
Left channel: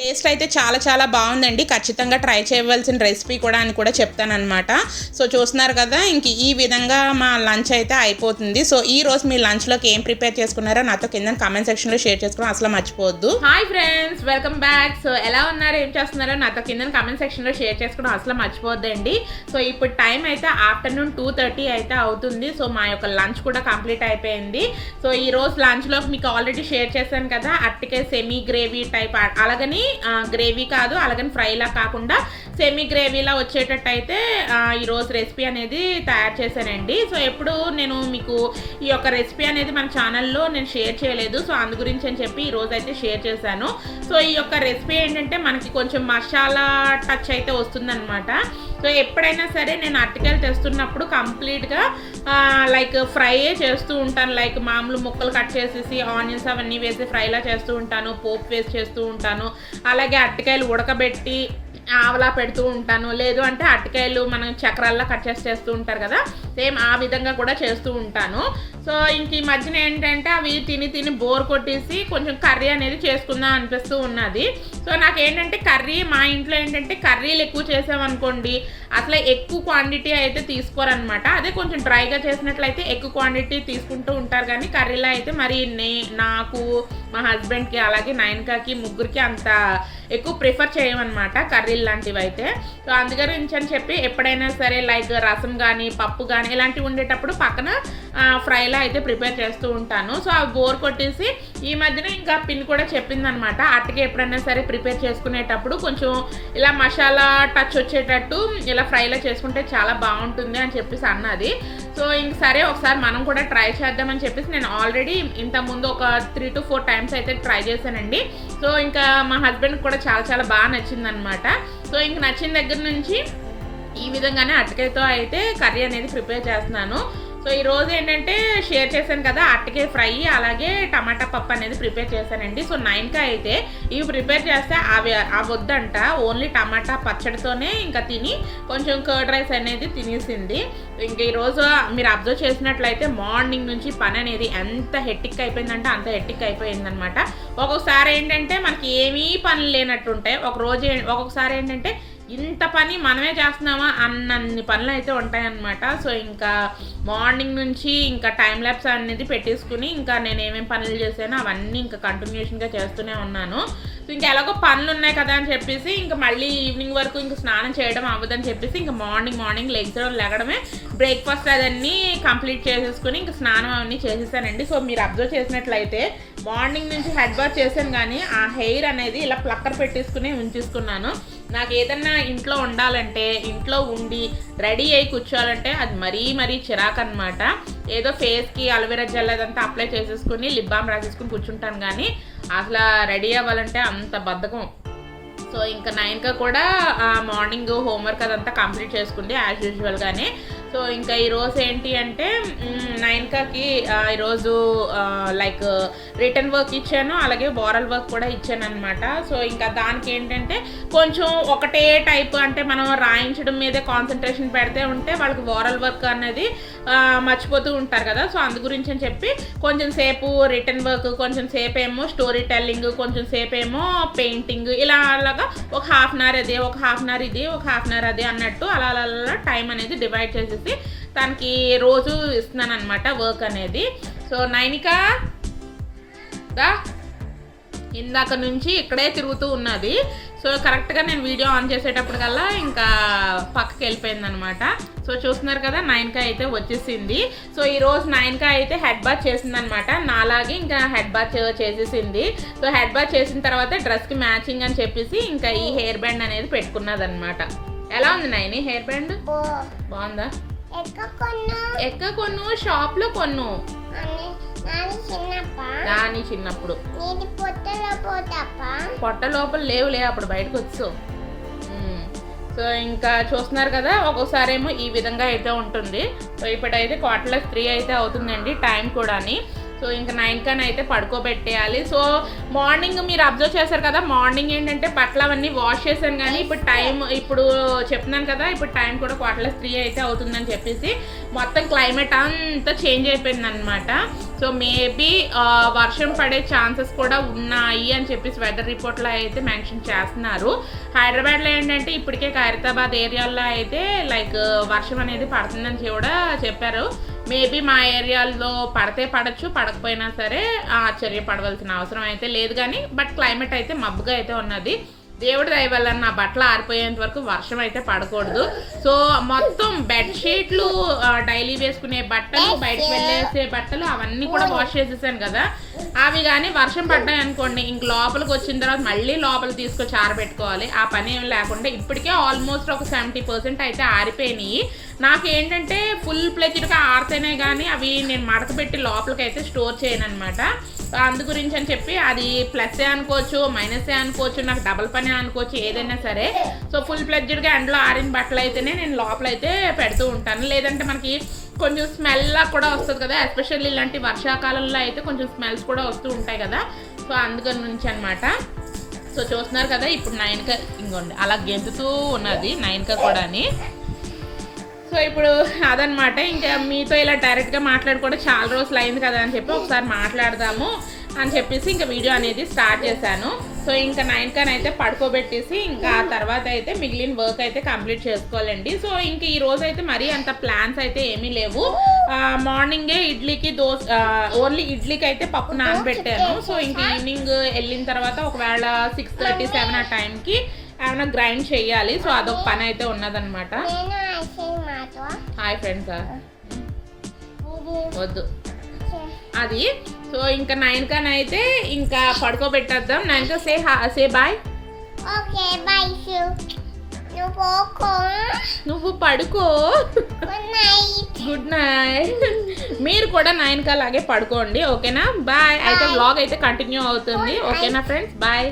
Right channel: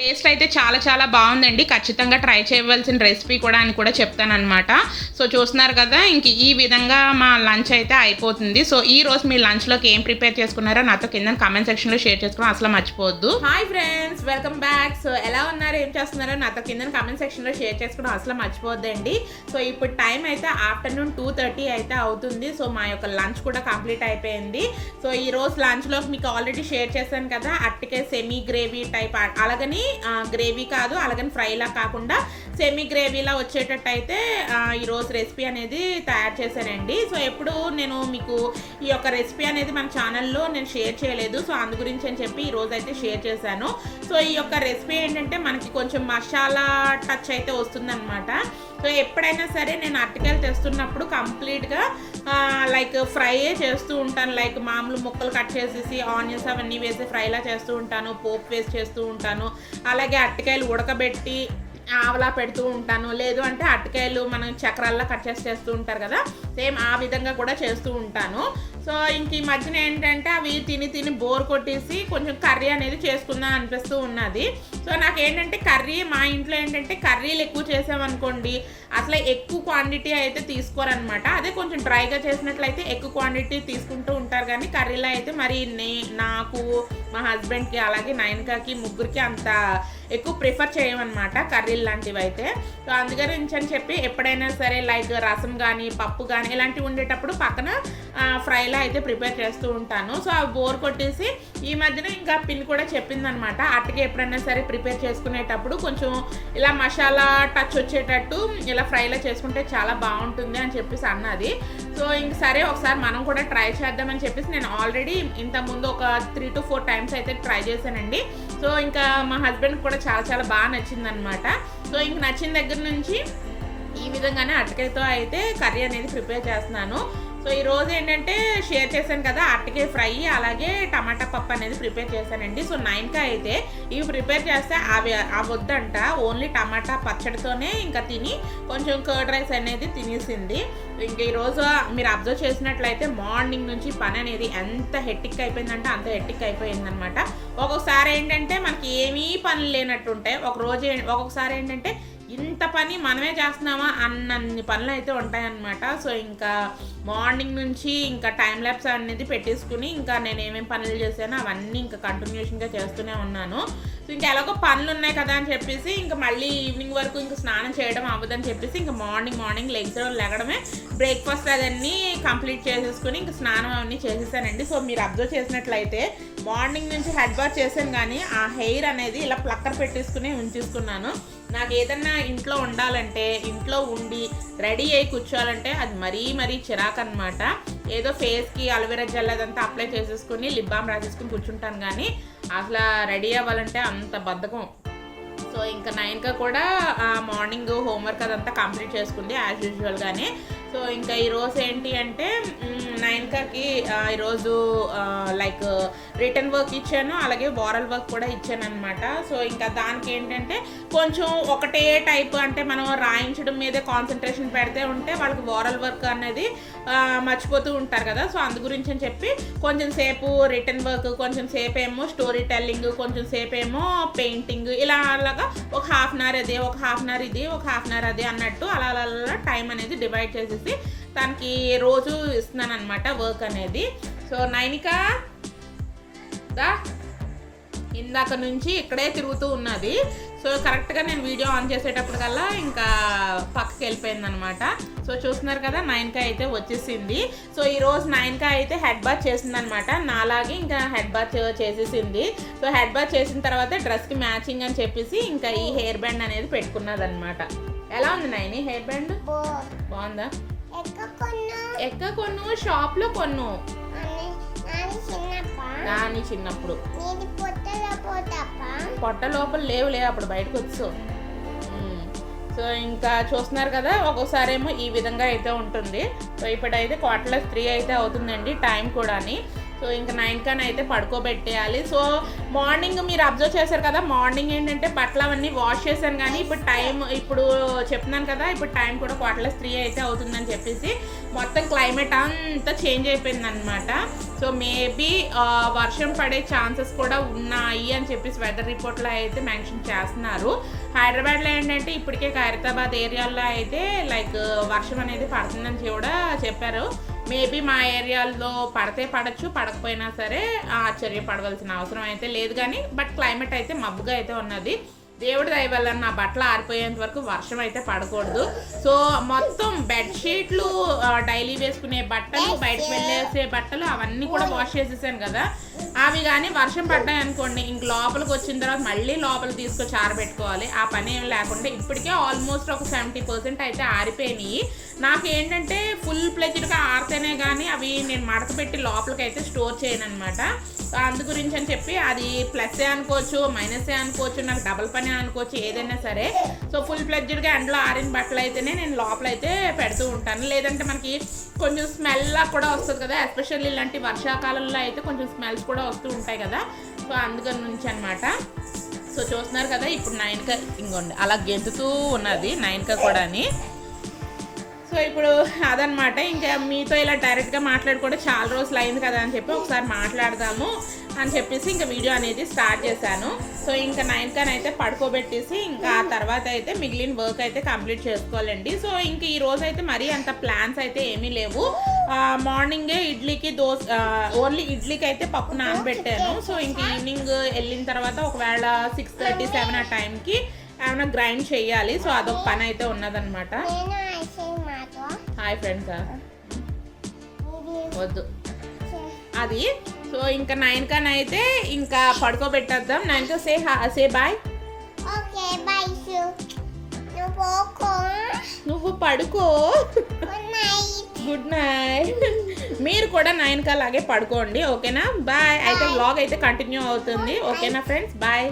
టేస్ట్ అయితే చాలా చాలా బాగుందండి, ఖచ్చితంగా ట్రై చేయవలసిన రెసిపీ కూడా అని కూడా చెప్తానమాట. సో చూస్తున్నారు కదా ఇంక ఈ విధంగా మా లంచ్ అయితే అయిపోతుంది. సో ఈ రోజు మీ లంచ్లోకి ఏం ప్రిపేర్ చేసుకున్నారో నాతో కింద కామెంట్ సెక్షన్లో షేర్ చేసుకోవడం అసలు మర్చిపోవద్దు. Hi friends, welcome back. So ఎలా ఉన్నారు, ఏం చేస్తున్నారో నాతో కింద కామెంట్ సెక్షన్లో షేర్ చేసుకోవడం అసలు మర్చిపోద్దండి. సో ఇప్పుడు టైం అయితే ఆఫ్టర్నూన్ 2:30 అయితే అవుతుంది. సో మా యొక్క లంచ్ కూడా కంప్లీట్ అయిపోయింది. సో ఈ రోజు లంచ్లోకి మీకు ఆల్రెడీ షేర్ చేశాను కదా అరటికాయ సెమీ గ్రేవీ టైప్, అలాగని గ్రేవీ కాదు అలాగని ఫ్రైలా కాకుండా సెమీ గ్రేవీలా వచ్చేటట్టు అయితే ఈరోజు రెసిపీ అనేది తయారు చేశానండి. సో ఎప్పుడు నేను మీకు ఈ యొక్క రెసిపీ అనేది మన ఛానల్లో నేను షేర్ చేయలేదు. సో అందు గురించి అని చెప్పి ఈరోజు అయితే షేర్ చేశాను. సో ఈ యొక్క రెసిపీ ఏంటంటే మనకి కొంచెం మసాలా టచ్ అయితే వస్తుందన్నమాట. సో ఎప్పుడైనా సరే నేను అరటికాయలు తెస్తున్నప్పుడు కంప్లీట్గా లైక్ ఫ్రైయే చేస్తూ ఉంటాను. లైక్ మామూలు ముక్కలు కట్ చేసేసి ఆనియన్స్ అవన్నీ వేసి ఫ్రైలా చేస్తూ ఉంటాను, పోపు వేసి చేస్తూ ఉంటాను. అలాగే అరటికాయలు ఉడకబెట్టి ఆవలా పెడుతూ ఉంటాను, లేదు అంటే అరటికాయలు మనం చక్రాల్లో కట్ చేస్తూ ఉంటారు కదా, సేమ్ ఆ విధంగా కూడా చేస్తూ ఉంటాను. సో ఇంక ఈ మధ్యన ఏంటంటే అవి తిని బోర్ కొట్టేసి కొంచెం కర్రీ అనేది చేసుకుందాం అనిపిస్తూ ఉన్నది. సో నాకేంటంటే కర్రీ మా ఇంట్లో ఏంటంటే కర్రీలు ఎక్కువ చేసామనుకోండి అసలు ఎక్కువ క్వాంటిటీ అయితే తీసుకోరనమాట. అదే కొంచెం డ్రైగా చేసినట్లయితే ఎక్కువ క్వాంటిటీ తీసుకుంటూ ఉంటారు, కానీ కర్రీలో అయితే మరి నాకు మా హస్బెండ్కి అలాగే నయనకాకి ముగ్గురికి అంత ఎక్కువ ప్రిఫర్ చేయమన్నమాట కర్రీలు లాంటివి అయితే. సో అందుకని చెప్పి ఎప్పుడైనా సరే లైక్ రసం కానీ పప్పు కానీ ఇలాంటివి ఉండేటప్పుడు పక్కన ఫ్రైలా అయితే ప్రిపేర్ చేస్తూ ఉంటాను. సో అవి బోర్ కొట్టేసి ఈ మధ్యన ఇంకా పిన్ కూడా చెప్పిందనమాట అరటికాయ ఎప్పుడైనా సరే ప్రిపేర్ చేసుకునేటప్పుడు కొంచెం ఇలా మసాలా టచ్ వచ్చేటట్టు ఇలా ఫ్రైలా చేసుకుంటే చాలా బాగుంటుంది అని చెప్పేసి అన్నది. సో ఇంక సరే ఒకసారి మనం కూడా ట్రై చేద్దామని చెప్పేసి నేను ఆల్రెడీ ఇంతకుముందు ఒక 3 to 4 times అయితే ట్రై చేశానండి. సో ఇంకా మా హస్బెండ్కి కూడా చాలా చాలా బాగా నచ్చిందనమాట. సో ఇంక నచ్చిన దగ్గర నుంచి ఈ విధంగానే అరటికాయతో అయితే కర్రీ అనేది ప్రిపేర్ చేస్తున్నాను. సో ఈరోజు ఏంటంటే షేర్ చేశాను కదా అరటికాయ ఫ్రై అలాగే టమాటా పప్పు అనేది ప్రిపేర్ చేశానండి. సో 9కి అయితే ఇవి ప్రిపేర్ చేస్తే అవి వద్దంట, ఓన్లీ టమాటా పచ్చడితోనే ఇంకా తిని కొంచెం కర్డ్ రైస్ అనేది తినేసింది. ఇంకా ఈరోజు మీరు అబ్జర్వ్ చేసినట్లయితే మార్నింగ్ నుంచి పని అనేది ఎంత హెట్టిక్ అయిపోయిందంటే అంత హెట్టిక్ అయిపోయిందనమాట. ఒక్కొక్కసారి ఏంటంటే మనకి ఏమీ పనులు లేనట్టు ఉంటాయి, ఒక్కొక్కసారి ఏంటంటే ఇంత పని మనమే చేస్తున్నామా అన్నన్ని పనులు అయితే ఉంటాయన్నమాట. సో ఇంకా మార్నింగ్ నుంచి ఇంకా టైం ల్యాప్స్ అనేది పెట్టేసుకుని ఇంకా నేను ఏమేమి పనులు చేశానో అవన్నీ ఇంకా కంటిన్యూషన్గా చేస్తూనే ఉన్నాను. సో ఇంకా ఎలాగో పనులు ఉన్నాయి కదా అని చెప్పేసి ఇంకా మళ్ళీ ఈవినింగ్ వరకు ఇంకా స్నానం చేయడం అవ్వదని చెప్పేసి ఇంకా మార్నింగ్ లెగడమే బ్రేక్ఫాస్ట్ అదన్నీ కంప్లీట్ చేసేసుకుని ఇంకా స్నానం అవన్నీ చేసేసానండి. సో మీరు అబ్జర్వ్ చేసినట్లయితే మార్నింగ్ నుంచి హెడ్ బాత్ చేశాను కానీ ఆ హెయిర్ అనేది ఇలా ప్లక్కర్ పెట్టేసుకుని ఉంచేసుకున్నాను. నాకు ఏదన్నా ఇంట్లో ఉండాలంటే ఇంట్లో ఉండి రెడీ అయ్యి కూర్చోవాలంటే అది మరీ చిరాకు అనమాట. ఏదో ఫేస్కి అలోవెరా జెల్ అదంతా అప్లై చేసేసుకుని లిప్ బామ్ రాసేసుకుని కూర్చుంటాను కానీ అసలు రెడీ అవ్వాలంటే అంత బద్ధకం. సో ఇంకా 9కి కూడా మార్నింగ్ హోంవర్క్ అదంతా కంప్లీట్ చేసుకుంది యాజ్ యూజువల్గానే. సో ఇంకా ఈరోజు ఏంటి అంటే 9కి ఈరోజు లైక్ రిటర్న్ వర్క్ ఇచ్చాను అలాగే ఓరల్ వర్క్ కూడా ఇచ్చాను అనమాట. సో ఇంకా దానికి ఏంటంటే కొంచెం ఒకటే టైప్ అంటే మనం రాయించడం మీదే కాన్సన్ట్రేషన్ పెడితే ఉంటే వాళ్ళకి ఓరల్ వర్క్ అనేది మర్చిపోతూ ఉంటారు కదా. సో అందు గురించి అని చెప్పి కొంచెం సేపు రిటర్న్ వర్క్, కొంచెం సేపు ఏమో స్టోరీ టెల్లింగ్, కొంచెం సేపు ఏమో పెయింటింగ్, ఇలా అలాగా ఒక హాఫ్ అన్ అవర్ అదే, ఒక హాఫ్ అన్ అవర్ ఇది, ఒక హాఫ్ అన్ అవర్ అదే అన్నట్టు అలా టైం అనేది డివైడ్ చేసేసి తనకి రోజు ఇస్తున్నాను అనమాట వర్క్ అనేది. సో 9కా ఇందాక నుంచి ఇక్కడే తిరుగుతూ ఉన్నది. సో కరెక్ట్గా నేను వీడియో ఆన్ చేసేటప్పుడు కల్లా ఇంకా పక్కకి వెళ్ళిపోయింది అనమాట. సో చూస్తున్నారు కదా 9కి అయితే వచ్చేసింది. సో ఈరోజు 9కి అయితే హెడ్ బాత్ చేసింది అనమాట, నాలాగే ఇంకా హెడ్ బాత్ చేసేసింది. సో హెడ్ బాత్ చేసిన తర్వాత డ్రెస్కి మ్యాచింగ్ అని చెప్పేసి ఇంకా ఈ హెయిర్ బ్యాండ్ అనేది పెట్టుకున్నది అనమాట. ఎలా ఉంది నైని హెయిర్ బ్యాండ్? బాగుందా? ఎక్క కొను, షాప్లో కొను, దాని చిన్నప్పుడు పొట్ట లోపల లేవులే అప్పుడు బయటకు వచ్చు. సో ఇంకా చూస్తున్నారు కదా ఒక్కోసారి ఏమో ఈ విధంగా అయితే ఉంటుంది. సో ఇప్పుడైతే 3:15 అయితే అవుతుందండి టైం కూడాని. సో ఇంకా 9 అయితే పడుకోబెట్టేయాలి. సో మార్నింగ్ మీరు అబ్జర్వ్ చేశారు కదా మార్నింగ్ ఏంటంటే బట్టలు అవన్నీ వాష్ చేశాను కానీ ఇప్పుడు చెప్తున్నాను కదా ఇప్పుడు టైం కూడా 3:15 అయితే అవుతుందని చెప్పేసి మొత్తం క్లైమేట్ అంతా చేంజ్ అయిపోయింది అనమాట. సో మేబీ వర్షం పడే ఛాన్సెస్ కూడా ఉన్నాయి అని చెప్పేసి వెదర్ రిపోర్ట్లో అయితే మెన్షన్ చేస్తున్నారు. హైదరాబాద్లో ఏంటంటే ఇప్పటికే ఖైరతాబాద్ ఏరియాలో అయితే లైక్ వర్షం అనేది పడుతుందని కూడా చెప్పారు. మేబీ మా ఏరియాలో పడితే పడచ్చు, పడకపోయినా సరే ఆశ్చర్యపడవలసిన అవసరం అయితే లేదు కానీ బట్ క్లైమేట్ అయితే మబ్బుగా అయితే ఉన్నది. దేవుడి దయ వల్ల నా బట్టలు ఆరిపోయేంత వరకు వర్షం అయితే పడకూడదు. సో మొత్తం బెడ్షీట్లు, డైలీ వేసుకునే బట్టలు, బయటకు వెళ్ళేసే బట్టలు అవన్నీ కూడా వాష్ చేసేసాను కదా. అవి కానీ వర్షం పడ్డాయి అనుకోండి ఇంక లోపలికి వచ్చిన తర్వాత మళ్ళీ లోపల తీసుకొచ్చి ఆరబెట్టుకోవాలి. ఆ పని ఏం లేకుండా ఇప్పటికే ఆల్మోస్ట్ ఒక 70% అయితే ఆరిపోయినాయి. నాకు ఏంటంటే ఫుల్ ప్లెజ్డ్గా ఆరితేనే కానీ అవి నేను మడత పెట్టి లోపలికి అయితే స్టోర్ చేయను అనమాట. అందు గురించి అని చెప్పి అది ప్లస్ఏ అనుకోవచ్చు, మైనసే అనుకోవచ్చు, నాకు డబల్ పని అనుకోవచ్చు, ఏదైనా సరే. సో ఫుల్ ప్లెజ్డ్గా ఎండలో ఆరిన బట్టలు అయితేనే నేను లోపల అయితే పెడుతూ ఉంటాను. లేదంటే మనకి కొంచెం స్మెల్ కూడా వస్తుంది కదా, ఎస్పెషల్లీ ఇలాంటి వర్షాకాలంలో అయితే కొంచెం స్మెల్స్ కూడా వస్తూ ఉంటాయి కదా. సో అందుకని నుంచి అనమాట. సో చూస్తున్నారు కదా ఇప్పుడు 9కి ఇంకోండి అలా గెంతుతూ ఉన్నది 9కి కూడాని. సో ఇప్పుడు అదనమాట ఇంకా మీతో ఇలా డైరెక్ట్గా మాట్లాడుకోవడం చాలా రోజులు అయింది కదా అని చెప్పి ఒకసారి మాట్లాడదాము అని చెప్పేసి ఇంకా వీడియో అనేది స్టార్ట్ చేశాను. సో ఇంకా 9కి అయితే పడుకోబెట్టేసి ఇంకా ఆ తర్వాత అయితే మిగిలిన వర్క్ అయితే కంప్లీట్ చేసుకోవాలండి. సో ఇంక ఈ రోజు అయితే మరీ అంత ప్లాన్స్ అయితే ఏమీ లేవు. మార్నింగే ఇడ్లీకి ఓన్లీ ఇడ్లీకి అయితే పప్పు నానబెట్టాను. సో ఇంక ఈవినింగ్ వెళ్ళిన తర్వాత ఒకవేళ 6:30-7 ఆ టైంకి ఏమైనా గ్రైండ్ చేయాలి. సో అదొక పని అయితే ఉన్నదన్నమాట. హాయ్ ఫ్రెండ్స్ వద్దు అది. సో ఇంకా 9కి అయితే ఇంకా పడుకోబెట్టేద్దాం. 9కి సే బాయ్. నువ్వు పడుకో. Good night. మీరు కూడా 9కి అలాగే పడుకోండి ఓకేనా. బాయ్. అయితే వ్లాగ్ అయితే కంటిన్యూ అవుతుంది ఓకేనా ఫ్రెండ్స్. బాయ్.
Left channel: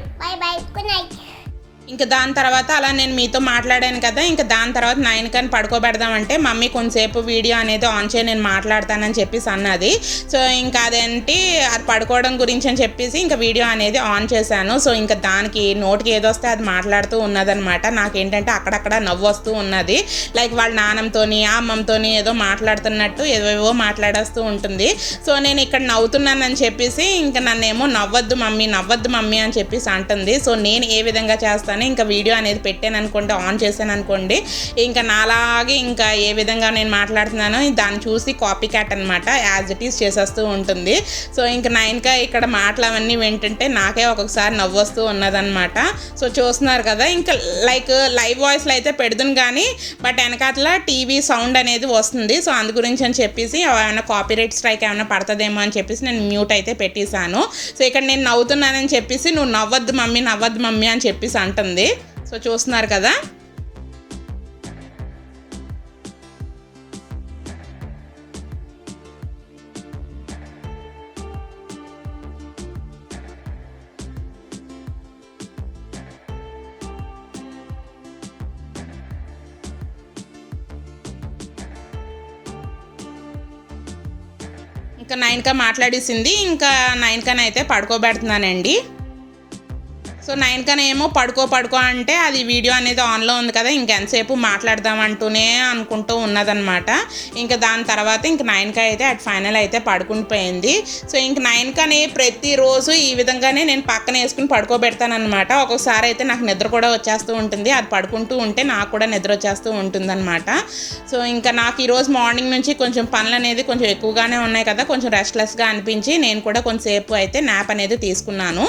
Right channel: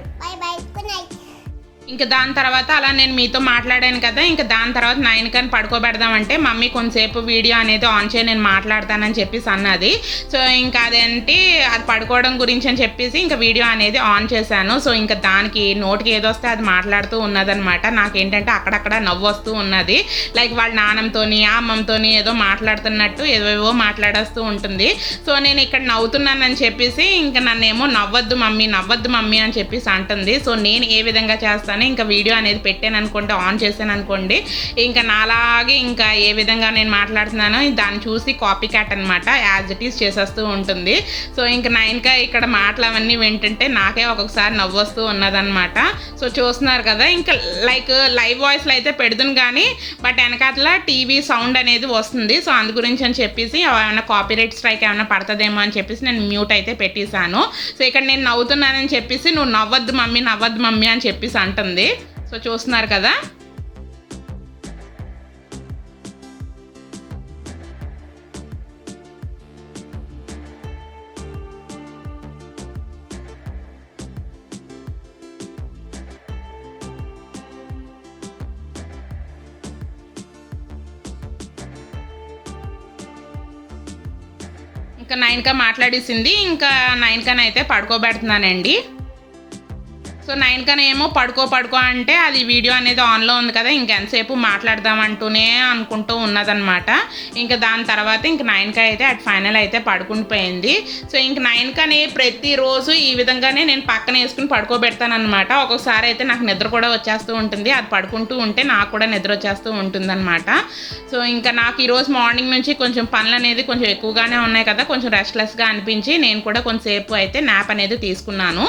ఇంక దాని తర్వాత అలా నేను మీతో మాట్లాడాను కదా, ఇంక దాని తర్వాత 9 పడుకోబెడదామంటే మమ్మీ కొంతసేపు వీడియో అనేది ఆన్ చేయి నేను మాట్లాడతానని చెప్పేసి అన్నది. సో ఇంకా అదేంటి అది పడుకోవడం గురించి అని చెప్పేసి ఇంకా వీడియో అనేది ఆన్ చేశాను. సో ఇంకా దానికి నోటికి ఏదొస్తే అది మాట్లాడుతూ ఉన్నదనమాట. నాకేంటంటే అక్కడక్కడ నవ్వు వస్తూ ఉన్నది. లైక్ వాళ్ళ నాన్నమ్మతోని అమ్మమ్మతోని ఏదో మాట్లాడుతున్నట్టు ఏవేవో మాట్లాడేస్తూ ఉంటుంది. సో నేను ఇక్కడ నవ్వుతున్నానని చెప్పేసి ఇంకా నన్నేమో నవ్వద్దు మమ్మీ అని చెప్పేసి అంటుంది. సో నేను ఏ విధంగా చేస్తాను, ఇంకా వీడియో అనేది పెట్టాను అనుకోండి, ఆన్ చేశాను అనుకోండి, ఇంకా నాలాగే ఇంకా ఏ విధంగా నేను మాట్లాడుతున్నానో దాన్ని చూసి కాపీ క్యాట్ అనమాట యాజ్ ఇట్ ఈస్ చేసేస్తూ ఉంటుంది. సో ఇంకా 9 ఇక్కడ మాటలు అవన్నీ వింటుంటే నాకే ఒక్కొక్కసారి నవ్వు వస్తూ ఉన్నదనమాట. సో చూస్తున్నారు కదా, ఇంకా లైక్ లైవ్ వాయిస్లో అయితే పెడుతుంది కానీ బట్ వెనకాతల టీవీ సౌండ్ అనేది వస్తుంది. సో అందు గురించి అని చెప్పేసి ఏమైనా కాపీరైట్ స్ట్రైక్ ఏమైనా పడుతుందేమో అని చెప్పేసి నేను మ్యూట్ అయితే పెట్టేశాను. సో ఇక్కడ నేను నవ్వుతున్నానని చెప్పేసి నువ్వు నవ్వద్దు మమ్మీ అని చెప్పేసి అంటుంది. సో చూస్తున్నారు కదా. ఇంకా 9 మాట్లాడేసింది. ఇంకా 9 అయితే పడుకోబెడుతున్నానండి. సో 9 ఏమో పడుకో అంటే అది వీడియో అనేది ఆన్లో ఉంది కదా, ఇంకెంతసేపు మాట్లాడదామంటూనే అనుకుంటూ ఉన్నదనమాట. ఇంకా దాని తర్వాత ఇంక 9 అయితే అటు ఫైనల్ అయితే పడుకుని పోయింది. సో ఇంక 9 ప్రతిరోజు ఈ విధంగానే నేను పక్కన వేసుకుని పడుకోబెడతానమాట. ఒక్కొక్కసారి అయితే నాకు నిద్ర కూడా వచ్చేస్తూ ఉంటుంది. అది పడుకుంటూ ఉంటే నాకు కూడా నిద్ర వచ్చేస్తూ ఉంటుందన్నమాట. సో ఇంకా నాకు ఈరోజు మార్నింగ్ నుంచి కొంచెం పనులు అనేది కొంచెం ఎక్కువగానే ఉన్నాయి కదా, కొంచెం రెస్ట్లెస్గా అనిపించి నేను కూడా కొంచెంసేపు అయితే న్యాప్ అనేది తీసుకున్నాను.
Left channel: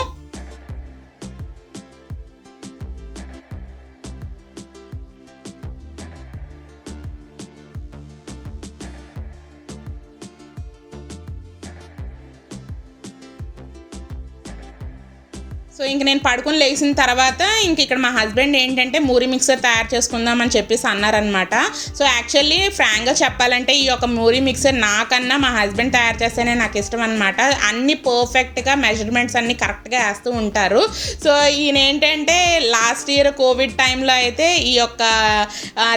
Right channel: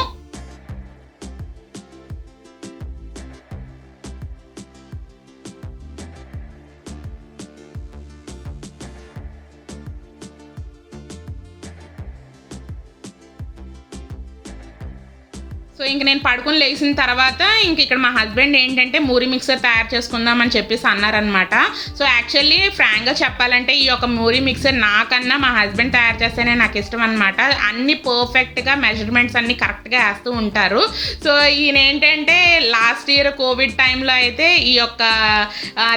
సో ఇంక నేను పడుకుని లేచిన తర్వాత ఇంక ఇక్కడ మా హస్బెండ్ ఏంటంటే మూరి మిక్సర్ తయారు చేసుకుందామని చెప్పేసి అన్నారనమాట. సో యాక్చువల్లీ ఫ్రాంక్గా చెప్పాలంటే ఈ యొక్క మూరి మిక్సర్ నాకన్నా మా హస్బెండ్ తయారు చేస్తేనే నాకు ఇష్టం అనమాట. అన్ని పర్ఫెక్ట్గా మెజర్మెంట్స్ అన్ని కరెక్ట్గా వేస్తూ ఉంటారు. సో ఈయన ఏంటంటే లాస్ట్ ఇయర్ కోవిడ్ టైంలో అయితే ఈ యొక్క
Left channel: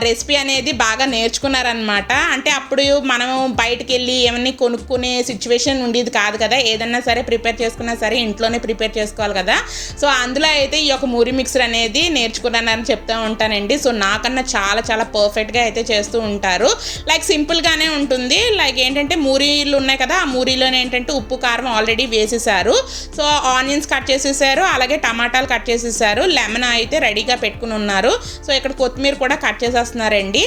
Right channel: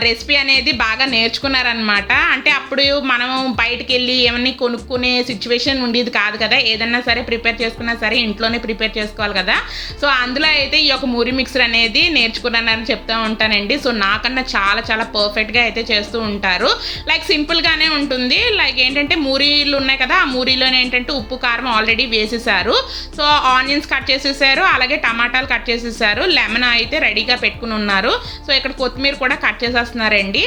రెసిపీ అనేది బాగా నేర్చుకున్నారనమాట. అంటే అప్పుడు మనం బయటికి వెళ్ళి ఏమన్నీ కొనుక్కునే సిచ్యువేషన్ ఉండేది కాదు కదా, ఏదన్నా సరే ప్రిపేర్ చేసుకున్నా సరే ఇంట్లోనే ప్రిపేర్ చేసుకోవాలి కదా. సో అందులో అయితే ఈ యొక్క మూరి మిక్సర్ అనేది నేర్చుకున్నానని చెప్తూ ఉంటానండి. సో నాకన్నా చాలా చాలా పర్ఫెక్ట్గా అయితే చేస్తూ ఉంటారు. లైక్ సింపుల్గానే ఉంటుంది. లైక్ ఏంటంటే మూరీలు ఉన్నాయి కదా, ఆ మూరీలోనే ఏంటంటే ఉప్పు కారం ఆల్రెడీ వేసేసారు. సో ఆనియన్స్ కట్ చేసేసారు, అలాగే టమాటాలు కట్ చేసేసారు, లెమన్ అయితే రెడీగా పెట్టుకుని ఉన్నారు. సో ఇక్కడ కొత్తిమీర కూడా కట్ చేసేస్తున్నారండి.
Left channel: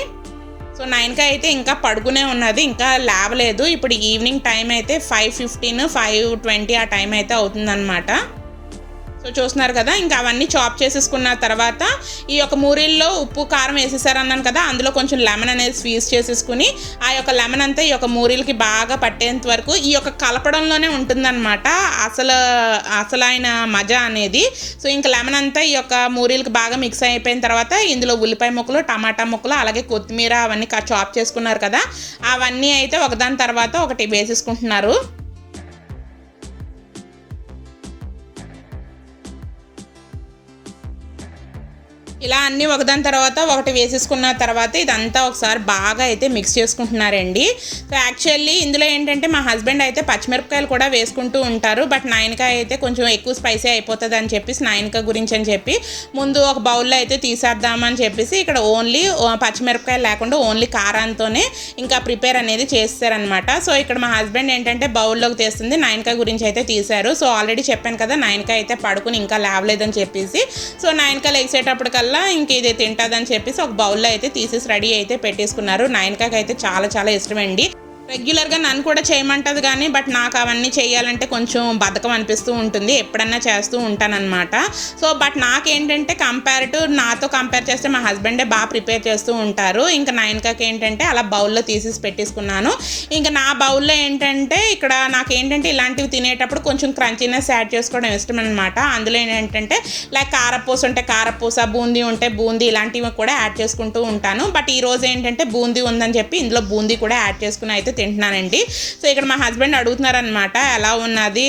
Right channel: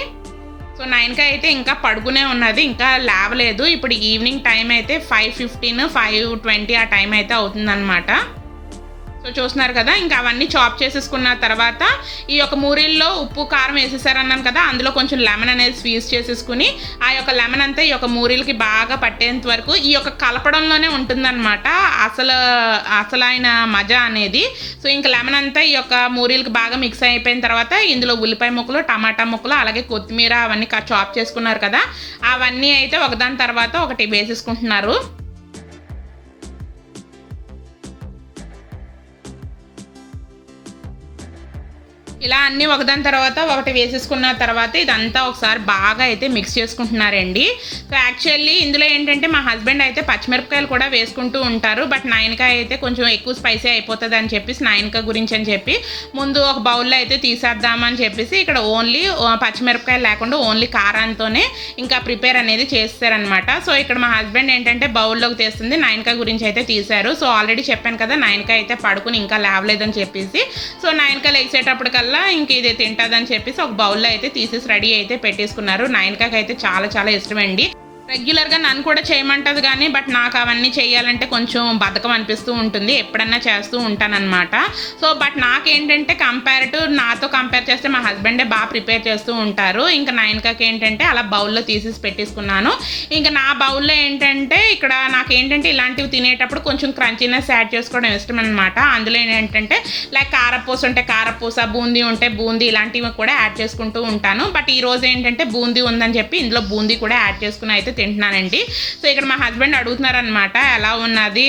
సో 9 అయితే ఇంకా పడుకునే ఉన్నది, ఇంకా లేవలేదు. ఇప్పుడు ఈవినింగ్ టైం అయితే 5:15 5:20 ఆ టైం అయితే అవుతుందన్నమాట. సో చూస్తున్నారు కదా, ఇంకా అవన్నీ చాప్ చేసేసుకున్న తర్వాత ఈ యొక్క మూరీల్లో ఉప్పు కారం వేసేసారన్నాను కదా, అందులో కొంచెం లెమన్ అనేది స్క్వీజ్ చేసేసుకుని ఆ యొక్క లెమన్ అంతా ఈ యొక్క మూరీలకి బాగా పట్టేంత వరకు ఈ యొక్క కలపడంలోనే ఉంటుందన్నమాట అసలైన మజా అనేది. సో ఇంకా లెమన్ అంతా ఈ యొక్క మూరీలకి బాగా మిక్స్ అయిపోయిన తర్వాత ఇందులో ఉల్లిపాయ ముక్కలు, టమాటా ముక్కలు, అలాగే కొత్తిమీర అవన్నీ చాప్ చేసుకున్నారు కదా, అవన్నీ అయితే ఒకదాని తర్వాత ఒకటి వేసేసుకుంటున్నారు. ఇలా అన్నీ ఒకదాని తర్వాత ఒకటి వేసేసుకున్న తర్వాత ఇదంతా ఒకసారి బాగా అయితే మిక్స్ చేసుకుంటున్నారండి. సో యాక్చువల్లీ ఇందులో ఏంటంటే మా హస్బెండ్ అయితే పచ్చిమిరపకాయలు కూడా వేసుకుంటూ ఉంటారు. బట్ 9 అయితే కొంచెం ఎక్కువ స్పైసీ అయిపోతుంది అని చెప్పేసి 9 గురించి అని చెప్పి ముందు ఒక బౌల్లో అయితే తీసేద్దామని చెప్పేసి ఇక్కడ ఓన్లీ పచ్చిమిరపకాయలు లేకుండా ఓన్లీ కారంతోనే ఇంకా ప్రిపేర్ అనేది చేస్తారనమాట. సో ఇక్కడ మా హస్బెండ్ ఏంటంటే బౌల్లోకి తీస్తుంది, 9 గురించి అయితే తీశారు. సో ఆల్రెడీ చెప్పాను కదా 9 అయితే పడుకుని ఇంకా లేవలేదని చెప్పేసి. సో 9 లేచేటప్పటికల్లా ఇంక ఇది తింటుందని చెప్పేసి ఒక బౌల్లో అయితే తీసేసి రెడీ అయితే పెట్టేసుకున్నారు. 9 అయితే చాలా చాలా ఇష్టమండి. రెగ్యులర్గా నన్ను కూడా చేయమంటుంది కానీ బట్ నాకు అవన్నీ చేయాలంటే కొంచెం బద్ధకం అనిపిస్తూ ఉంటుంది, ఎప్పుడన్నా చేస్తూ ఉంటానన్నమాట. సో బట్ నాకేంటంటే నాతో కంపేర్ చేస్తే మా హస్బెండే బాగా ప్రిపేర్ చేస్తూ ఉంటారు. ఇంకా 9 ఏంటంటే అలా బౌల్లో తీసేసి పెట్టేసుకున్నాను. ఇంకా నా బౌల్లో ఏంటంటే ఇక్కడ నాకేంటంటే ఇలాంటివి తినేటప్పుడు కొంచెం క్రంచీనెస్ యాడ్ చేసుకోవడం ఇష్టం అనమాట. అందులో ఏంటంటే లైక్ కారపూస ఉంటే కారపూస, బూందీ ఉంటే బూందీ, ఇలాంటివి కూడా యాడ్ చేసుకుంటూ ఉంటాను. బట్ ఈరోజు ఏంటంటే బూందీ ఉందని చెప్పి ఇందులో బూందీ కూడా యాడ్ చేసుకుని అయితే తింటున్నానండి. సో ఇక్కడ మా హస్బెండ్ అడుగుతున్నారనమాట, ఎలా ఉన్నది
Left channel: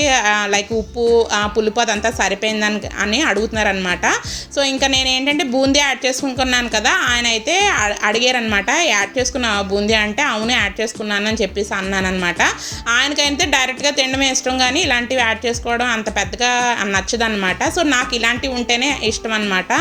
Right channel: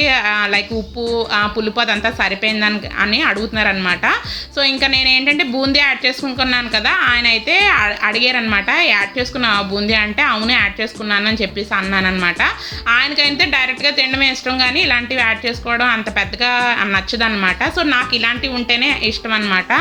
లైక్ ఉప్పు పులుపు అదంతా సరిపోయిందని అని అడుగుతున్నారనమాట. సో ఇంకా నేను ఏంటంటే బూందీ యాడ్ చేసుకున్నాను కదా, ఆయన అయితే అడిగారనమాట యాడ్ చేసుకున్న బూందీ అంటే అవును యాడ్ చేసుకున్నాను అని చెప్పేసి అన్నానమాట. ఆయనకైతే డైరెక్ట్గా తినడమే ఇష్టం, కానీ ఇలాంటివి యాడ్ చేసుకోవడం అంత పెద్దగా నచ్చదనమాట. సో నాకు ఇలాంటివి ఉంటేనే ఇష్టం అనమాట.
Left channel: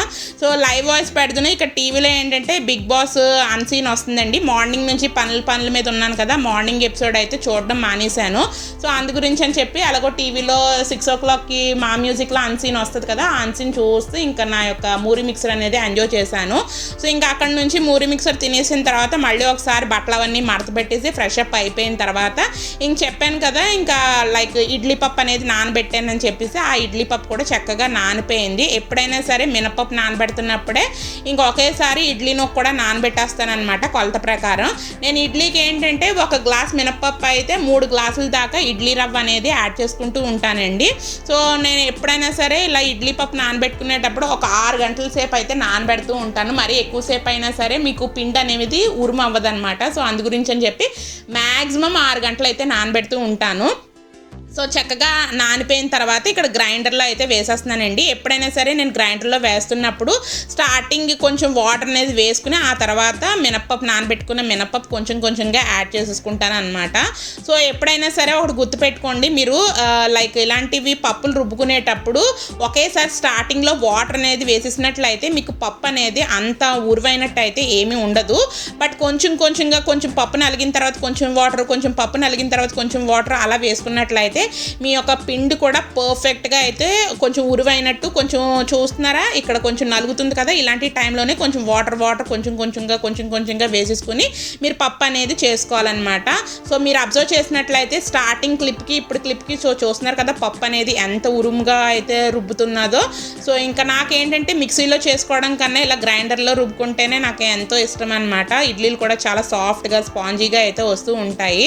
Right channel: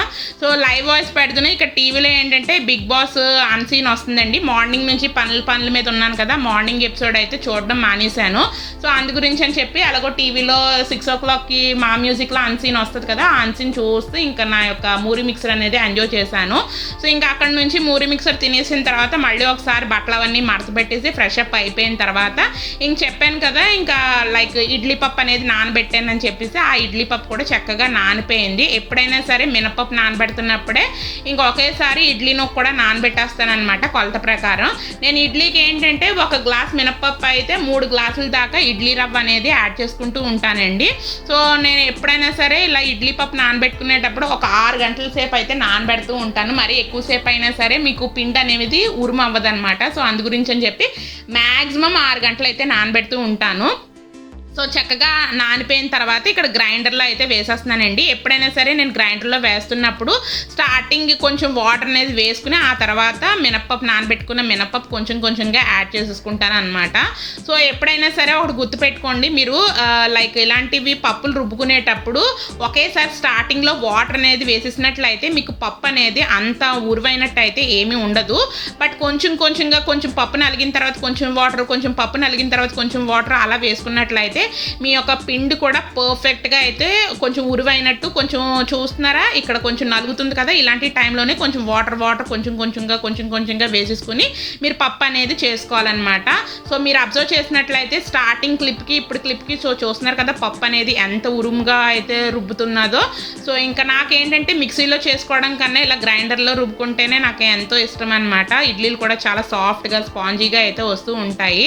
సో లైవ్ వాయిస్ పెడుతున్నాయి. ఇక్కడ టీవీలో ఏంటంటే బిగ్ బాస్ అన్సీన్ వస్తుందండి. మార్నింగ్ నుంచి పనుల మీద ఉన్నాను కదా, మార్నింగ్ ఎపిసోడ్ అయితే చూడడం మానేశాను. సో అందు గురించి అని చెప్పి అలాగో టీవీలో 6 o'clockకి మా మ్యూజిక్లో అన్సీన్ వస్తుంది కదా, ఆ అన్సీన్ చూస్తూ ఇంకా నా యొక్క మూరి మిక్సర్ అనేది ఎంజాయ్ చేశాను. సో ఇంకా అక్కడ నుంచి మూరి మిక్సర్ తినేసిన తర్వాత మళ్ళీ ఒకసారి బట్టలు అవన్నీ మడత పెట్టేసి ఫ్రెష్ అప్ అయిపోయిన తర్వాత ఇంక చెప్పాను కదా, ఇంకా లైక్ ఇడ్లీ పప్పు అనేది నానబెట్టానని చెప్పేసి ఆ ఇడ్లీ పప్పు కూడా చక్కగా నానిపోయింది. ఎప్పుడైనా సరే మినపప్పు నానబెడుతున్నప్పుడే ఇంకా ఒకేసారి ఇడ్లీ నూక కూడా నానబెట్టేస్తానమాట కొలత ప్రకారం. నేను ఇడ్లీకి ఏంటంటే 1 గ్లాస్ మినపప్పు అయితే 3 గ్లాసుల దాకా ఇడ్లీ రవ్వ అనేది యాడ్ చేసుకుంటూ ఉంటానండి. సో నేను ఎప్పుడైనా సరే ఇలా ఇడ్లీ పప్పు నానబెట్టుకునేటప్పుడు ఒక 6 గంటల సేపు అయితే నానబెడుతూ ఉంటాను. మరి ఎక్కువసేపు అయినా సరే మీకు పిండి అనేది ఉరుము అవ్వదనమాట. సో అందు గురించి అని చెప్పి మ్యాక్సిమం 6 గంటలు అయితే నానబెడుతూ ఉంటాను. సో చక్కగా నానిపోయిన తర్వాత ఇక్కడ గ్రైండర్లో అయితే వేసేస్తున్నానండి. ఎప్పుడైనా సరే నేను గ్రైండర్లో వేస్తున్నప్పుడు స్టార్టింగ్ కొంచెం వాటర్ అనేది వేసుకుని ఆ తర్వాత మినప్పప్పు నానబెట్టుకున్న మినప్పప్పు కొంచెంగా యాడ్ చేసేసుకుంటాను అనమాట. సో ఎప్పుడైనా సరే ఒకటి గుర్తుపెట్టుకోండి, మీరు లైక్ ఇలాంటివి పప్పులు రుబ్బుకునేటప్పుడు ఒకేసారి స్టార్టింగ్లో వాటర్ అనేది వేసేసినట్లయితే మీకు పప్పు అనేది అంత ఉరువైనట్టు అయితే ఏమీ ఉండదు. బట్ కొంచెంగా కొంచెం పప్పు నలిగిన తర్వాత కొంచెం వాటర్, కొంచెం పప్పు నలిగిన తర్వాత కొంచెం వాటర్ అలా వేసుకున్నట్లయితే మీ యొక్క పిండి కూడా పర్ఫెక్ట్గా అయితే కొంచెం ఉరువైనట్టు. కొంచెం చూస్తున్నారా ఇక్కడ కొంచెం నలుగుతుంది కదా, ఇలాంటి టైంలోనే కొంచెం వాటర్ కొంచెంగా వేసేసుకుని మీరు పప్పు అనేది చేసుకోవాలన్నమాట. సో మీరు అబ్జర్వ్ చేసినట్లయితే స్టార్టింగ్ క్లిప్కి ఇప్పుడు క్లిప్కి సో చూస్తున్నారు కదా పప్పు అనేది ఎంత ఉరుముగా అయితే రుబ్బుతున్నదో. సో ఇంకా నాకేంటంటే మిక్సీలో చేసుకోవడం కన్నా ఇలా గ్రైండర్లో రుబ్బుకుంటేనే నాకు ఎంతో ఇష్టం అనమాట. ఇడ్లీలు కూడా చాలా సాఫ్ట్గా స్పాంజీగా అయితే వస్తూ ఉంటాయి.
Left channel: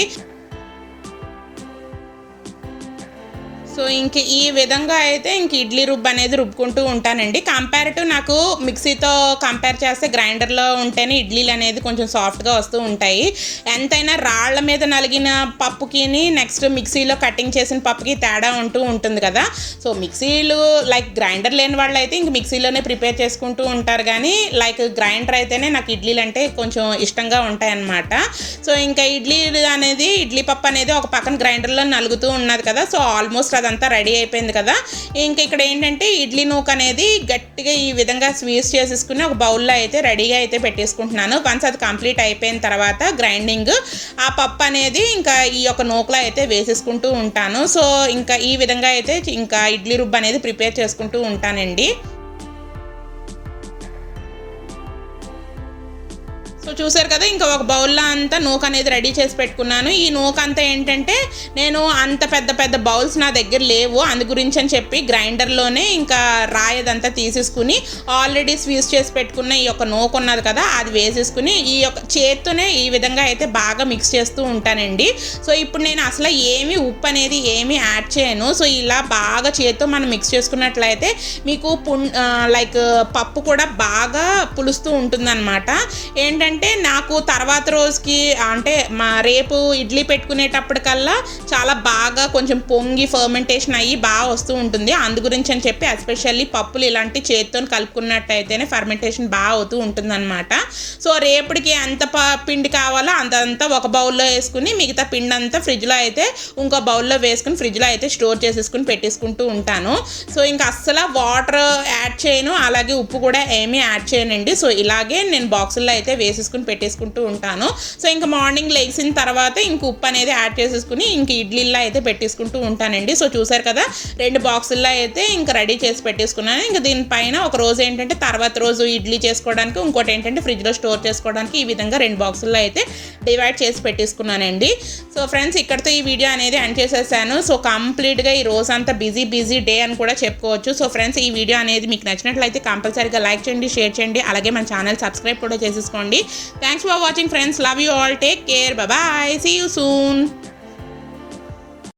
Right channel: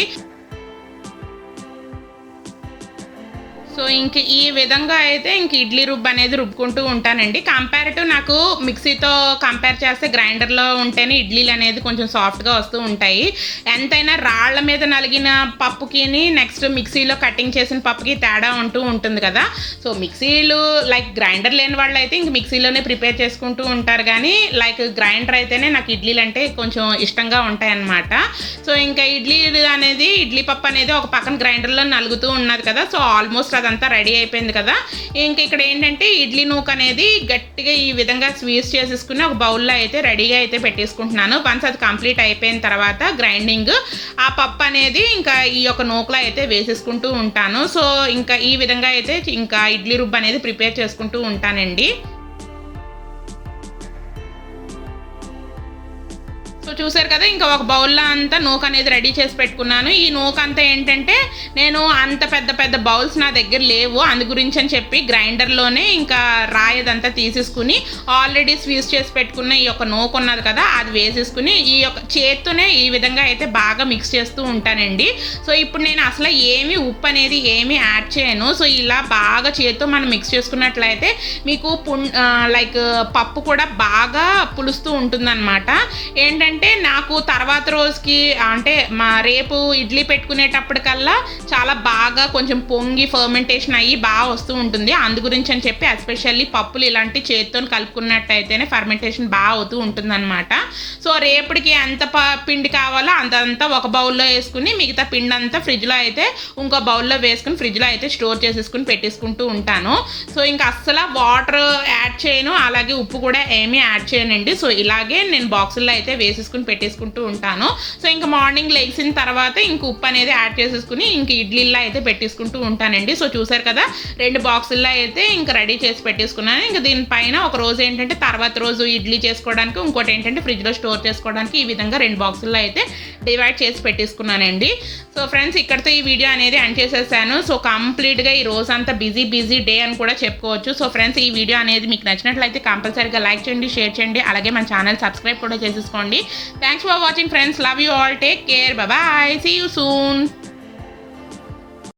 సో ఇంక ఈ విధంగా అయితే ఇంక ఇడ్లీ రుబ్బు అనేది రుబ్బుకుంటూ ఉంటానండి. కంపారిటివ్ నాకు మిక్సీతో కంపేర్ చేస్తే గ్రైండర్లో ఉంటేనే ఇడ్లీలు అనేది కొంచెం సాఫ్ట్గా వస్తూ ఉంటాయి. ఎంతైనా రాళ్ల మీద నలిగిన పప్పుకి నెక్స్ట్ మిక్సీలో కటింగ్ చేసిన పప్పుకి తేడా ఉంటూ ఉంటుంది కదా. సో మిక్సీలు లైక్ గ్రైండర్ లేని వాళ్ళు అయితే ఇంక మిక్సీలోనే ప్రిపేర్ చేసుకుంటూ ఉంటారు, కానీ లైక్ గ్రైండర్ అయితేనే నాకు ఇడ్లీలు అంటే కొంచెం ఇష్టంగా ఉంటాయి అన్నమాట. సో ఇంకా ఇడ్లీ పప్పు అనేది ఒక పక్కన గ్రైండర్లో నలుగుతూ ఉన్నది కదా. సో ఆల్మోస్ట్ అదంతా రెడీ అయిపోయింది కదా. ఇంక ఇక్కడ ఏంటంటే ఇడ్లీ నూక అనేది గట్టిగా ఈ విధంగా స్వీస్ చేసేసుకుని ఒక బౌల్లో అయితే రెడీగా అయితే పెట్టేసుకుంటున్నాను. వన్స్ అది కంప్లీట్ అయిపోయిన తర్వాత గ్రైండింగ్ ఆ పప్పు అనేది ఇంకా ఈ యొక్క నూకలో అయితే వేసేసుకుంటూ ఉంటాను. సో ఇంకా ఈ విధంగా అయితే ఇంకా ఇడ్లీ రుబ్బు అనేది ప్రిపేర్ చేసుకుంటూ ఉంటానండి. సో చూసారు కదా, ఇంకా ఒక బౌల్లో అంతా నూక అనేది రెడీ చేసి పెట్టుకున్నాను. ఈ నూక అంతా ఏంటంటే నేను అంత పెద్ద బౌల్స్ నా దగ్గర లేవు, అందు గురించి అని చెప్పి గ్రైండర్లోనే ఇంకా రాయదంతా తీసేసుకుని ఆల్రెడీ స్వీస్ చేసి పెట్టుకున్న ఈ యొక్క నూక ఉన్నది కదా అది వేసేసుకుని ఈ యొక్క చేత్తోనే ఈ విధంగా అయితే బాగా మిక్స్ చేస్తూ ఉంటానండి. సో ఇప్పుడు నేను అసలు ఉప్పు అనేది ఏమీ యాడ్ చేయను. సో ఇలా బాగా చేత్తో మనం మిక్స్ చేసుకున్నట్లయితే మీకు లైక్ పప్పు కూడా బాగా పులుస్తూ ఉంటుందన్నమాట. ఏంటంటే నాకు తర్వాత రోజుకి అంటే రేపు ఇడ్లీ పెట్టుకునేటప్పటికల్లా చాలా బాగా కొంచెం పొంగి ఫర్మెంటేషన్ అయ్యి బాగా వస్తూ ఉంటుంది. అందు గురించి అని చెప్పి ఎస్పెషల్లీ పప్పులు ఇలాంటి చేతితో కలుపుకున్నట్టయితేనే ఫర్మెంటేషన్ బాగా అవుతూ ఉంటుందన్నమాట. సో రేపటికి ఎంత పిండి కావాలో అంతంతా ఒక బౌల్లో వేసుకుని మిగతా పిండి అంతా ఫ్రిడ్జ్లో అయితే ఇంకో బౌల్లో వేసుకుని ఫ్రిడ్జ్లో అయితే స్టోర్ చేసేసుకుని పెట్టేసుకుంటూ ఉంటాను. సో ఇంకా అస్సలు వాటర్ యాడ్ చేయను, అలాగే ఉప్పు కూడా ఏమీ యాడ్ చేయనండి. సో ఇలాగే నేను బాక్సుల్లో అయితే వేసేసుకుని పెట్టేసుకుంటూ ఉంటాను. సో ఇంకా మార్నింగ్ లేచిన తర్వాత ఇంక ఉప్పు అనేది యాడ్ చేసేసుకుని ఇంక ఇడ్లీల్లో అయితే పెట్టేసుకుంటూ ఉంటానండి. సో చూసారు కదా 2 బాక్సుల్లో అయితే ఇంకా రెడీ చేసి పెట్టేసుకున్నాను. ఇంకా దీనిపైన ఒక రోజు ఏంటంటే తర్వాత రోజు ఇడ్లీ చేసుకోవడానికి, ఇంకోటి ఏంటంటే ఫ్రిడ్జ్లో స్టోర్ చేసుకోవడానికి ఈ విధంగా 2 బాక్సుల్లో అయితే డివైడ్ చేసి పెట్టేసుకున్నానండి. సో ఫ్రెండ్స్ ఇక్కడితో ఈ వీడియో అనేది ఎండ్ చేసేసాను. సో కంప్లీట్గా ఈ రోజు అంతా బిజీ డే అని కూడా చెప్పుకోవచ్చు. సో ఫ్రెండ్స్ ఈ వీడియో అనేది మీకు నచ్చినట్లయితే కంపల్సరీగా లైక్ చేయండి, షేర్ చేయండి, అలాగే మన ఛానల్ సబ్స్క్రైబ్ కూడా చేసేసుకోండి. Thanks for watching friends. Love you all. Take care. Bye bye. See you soon.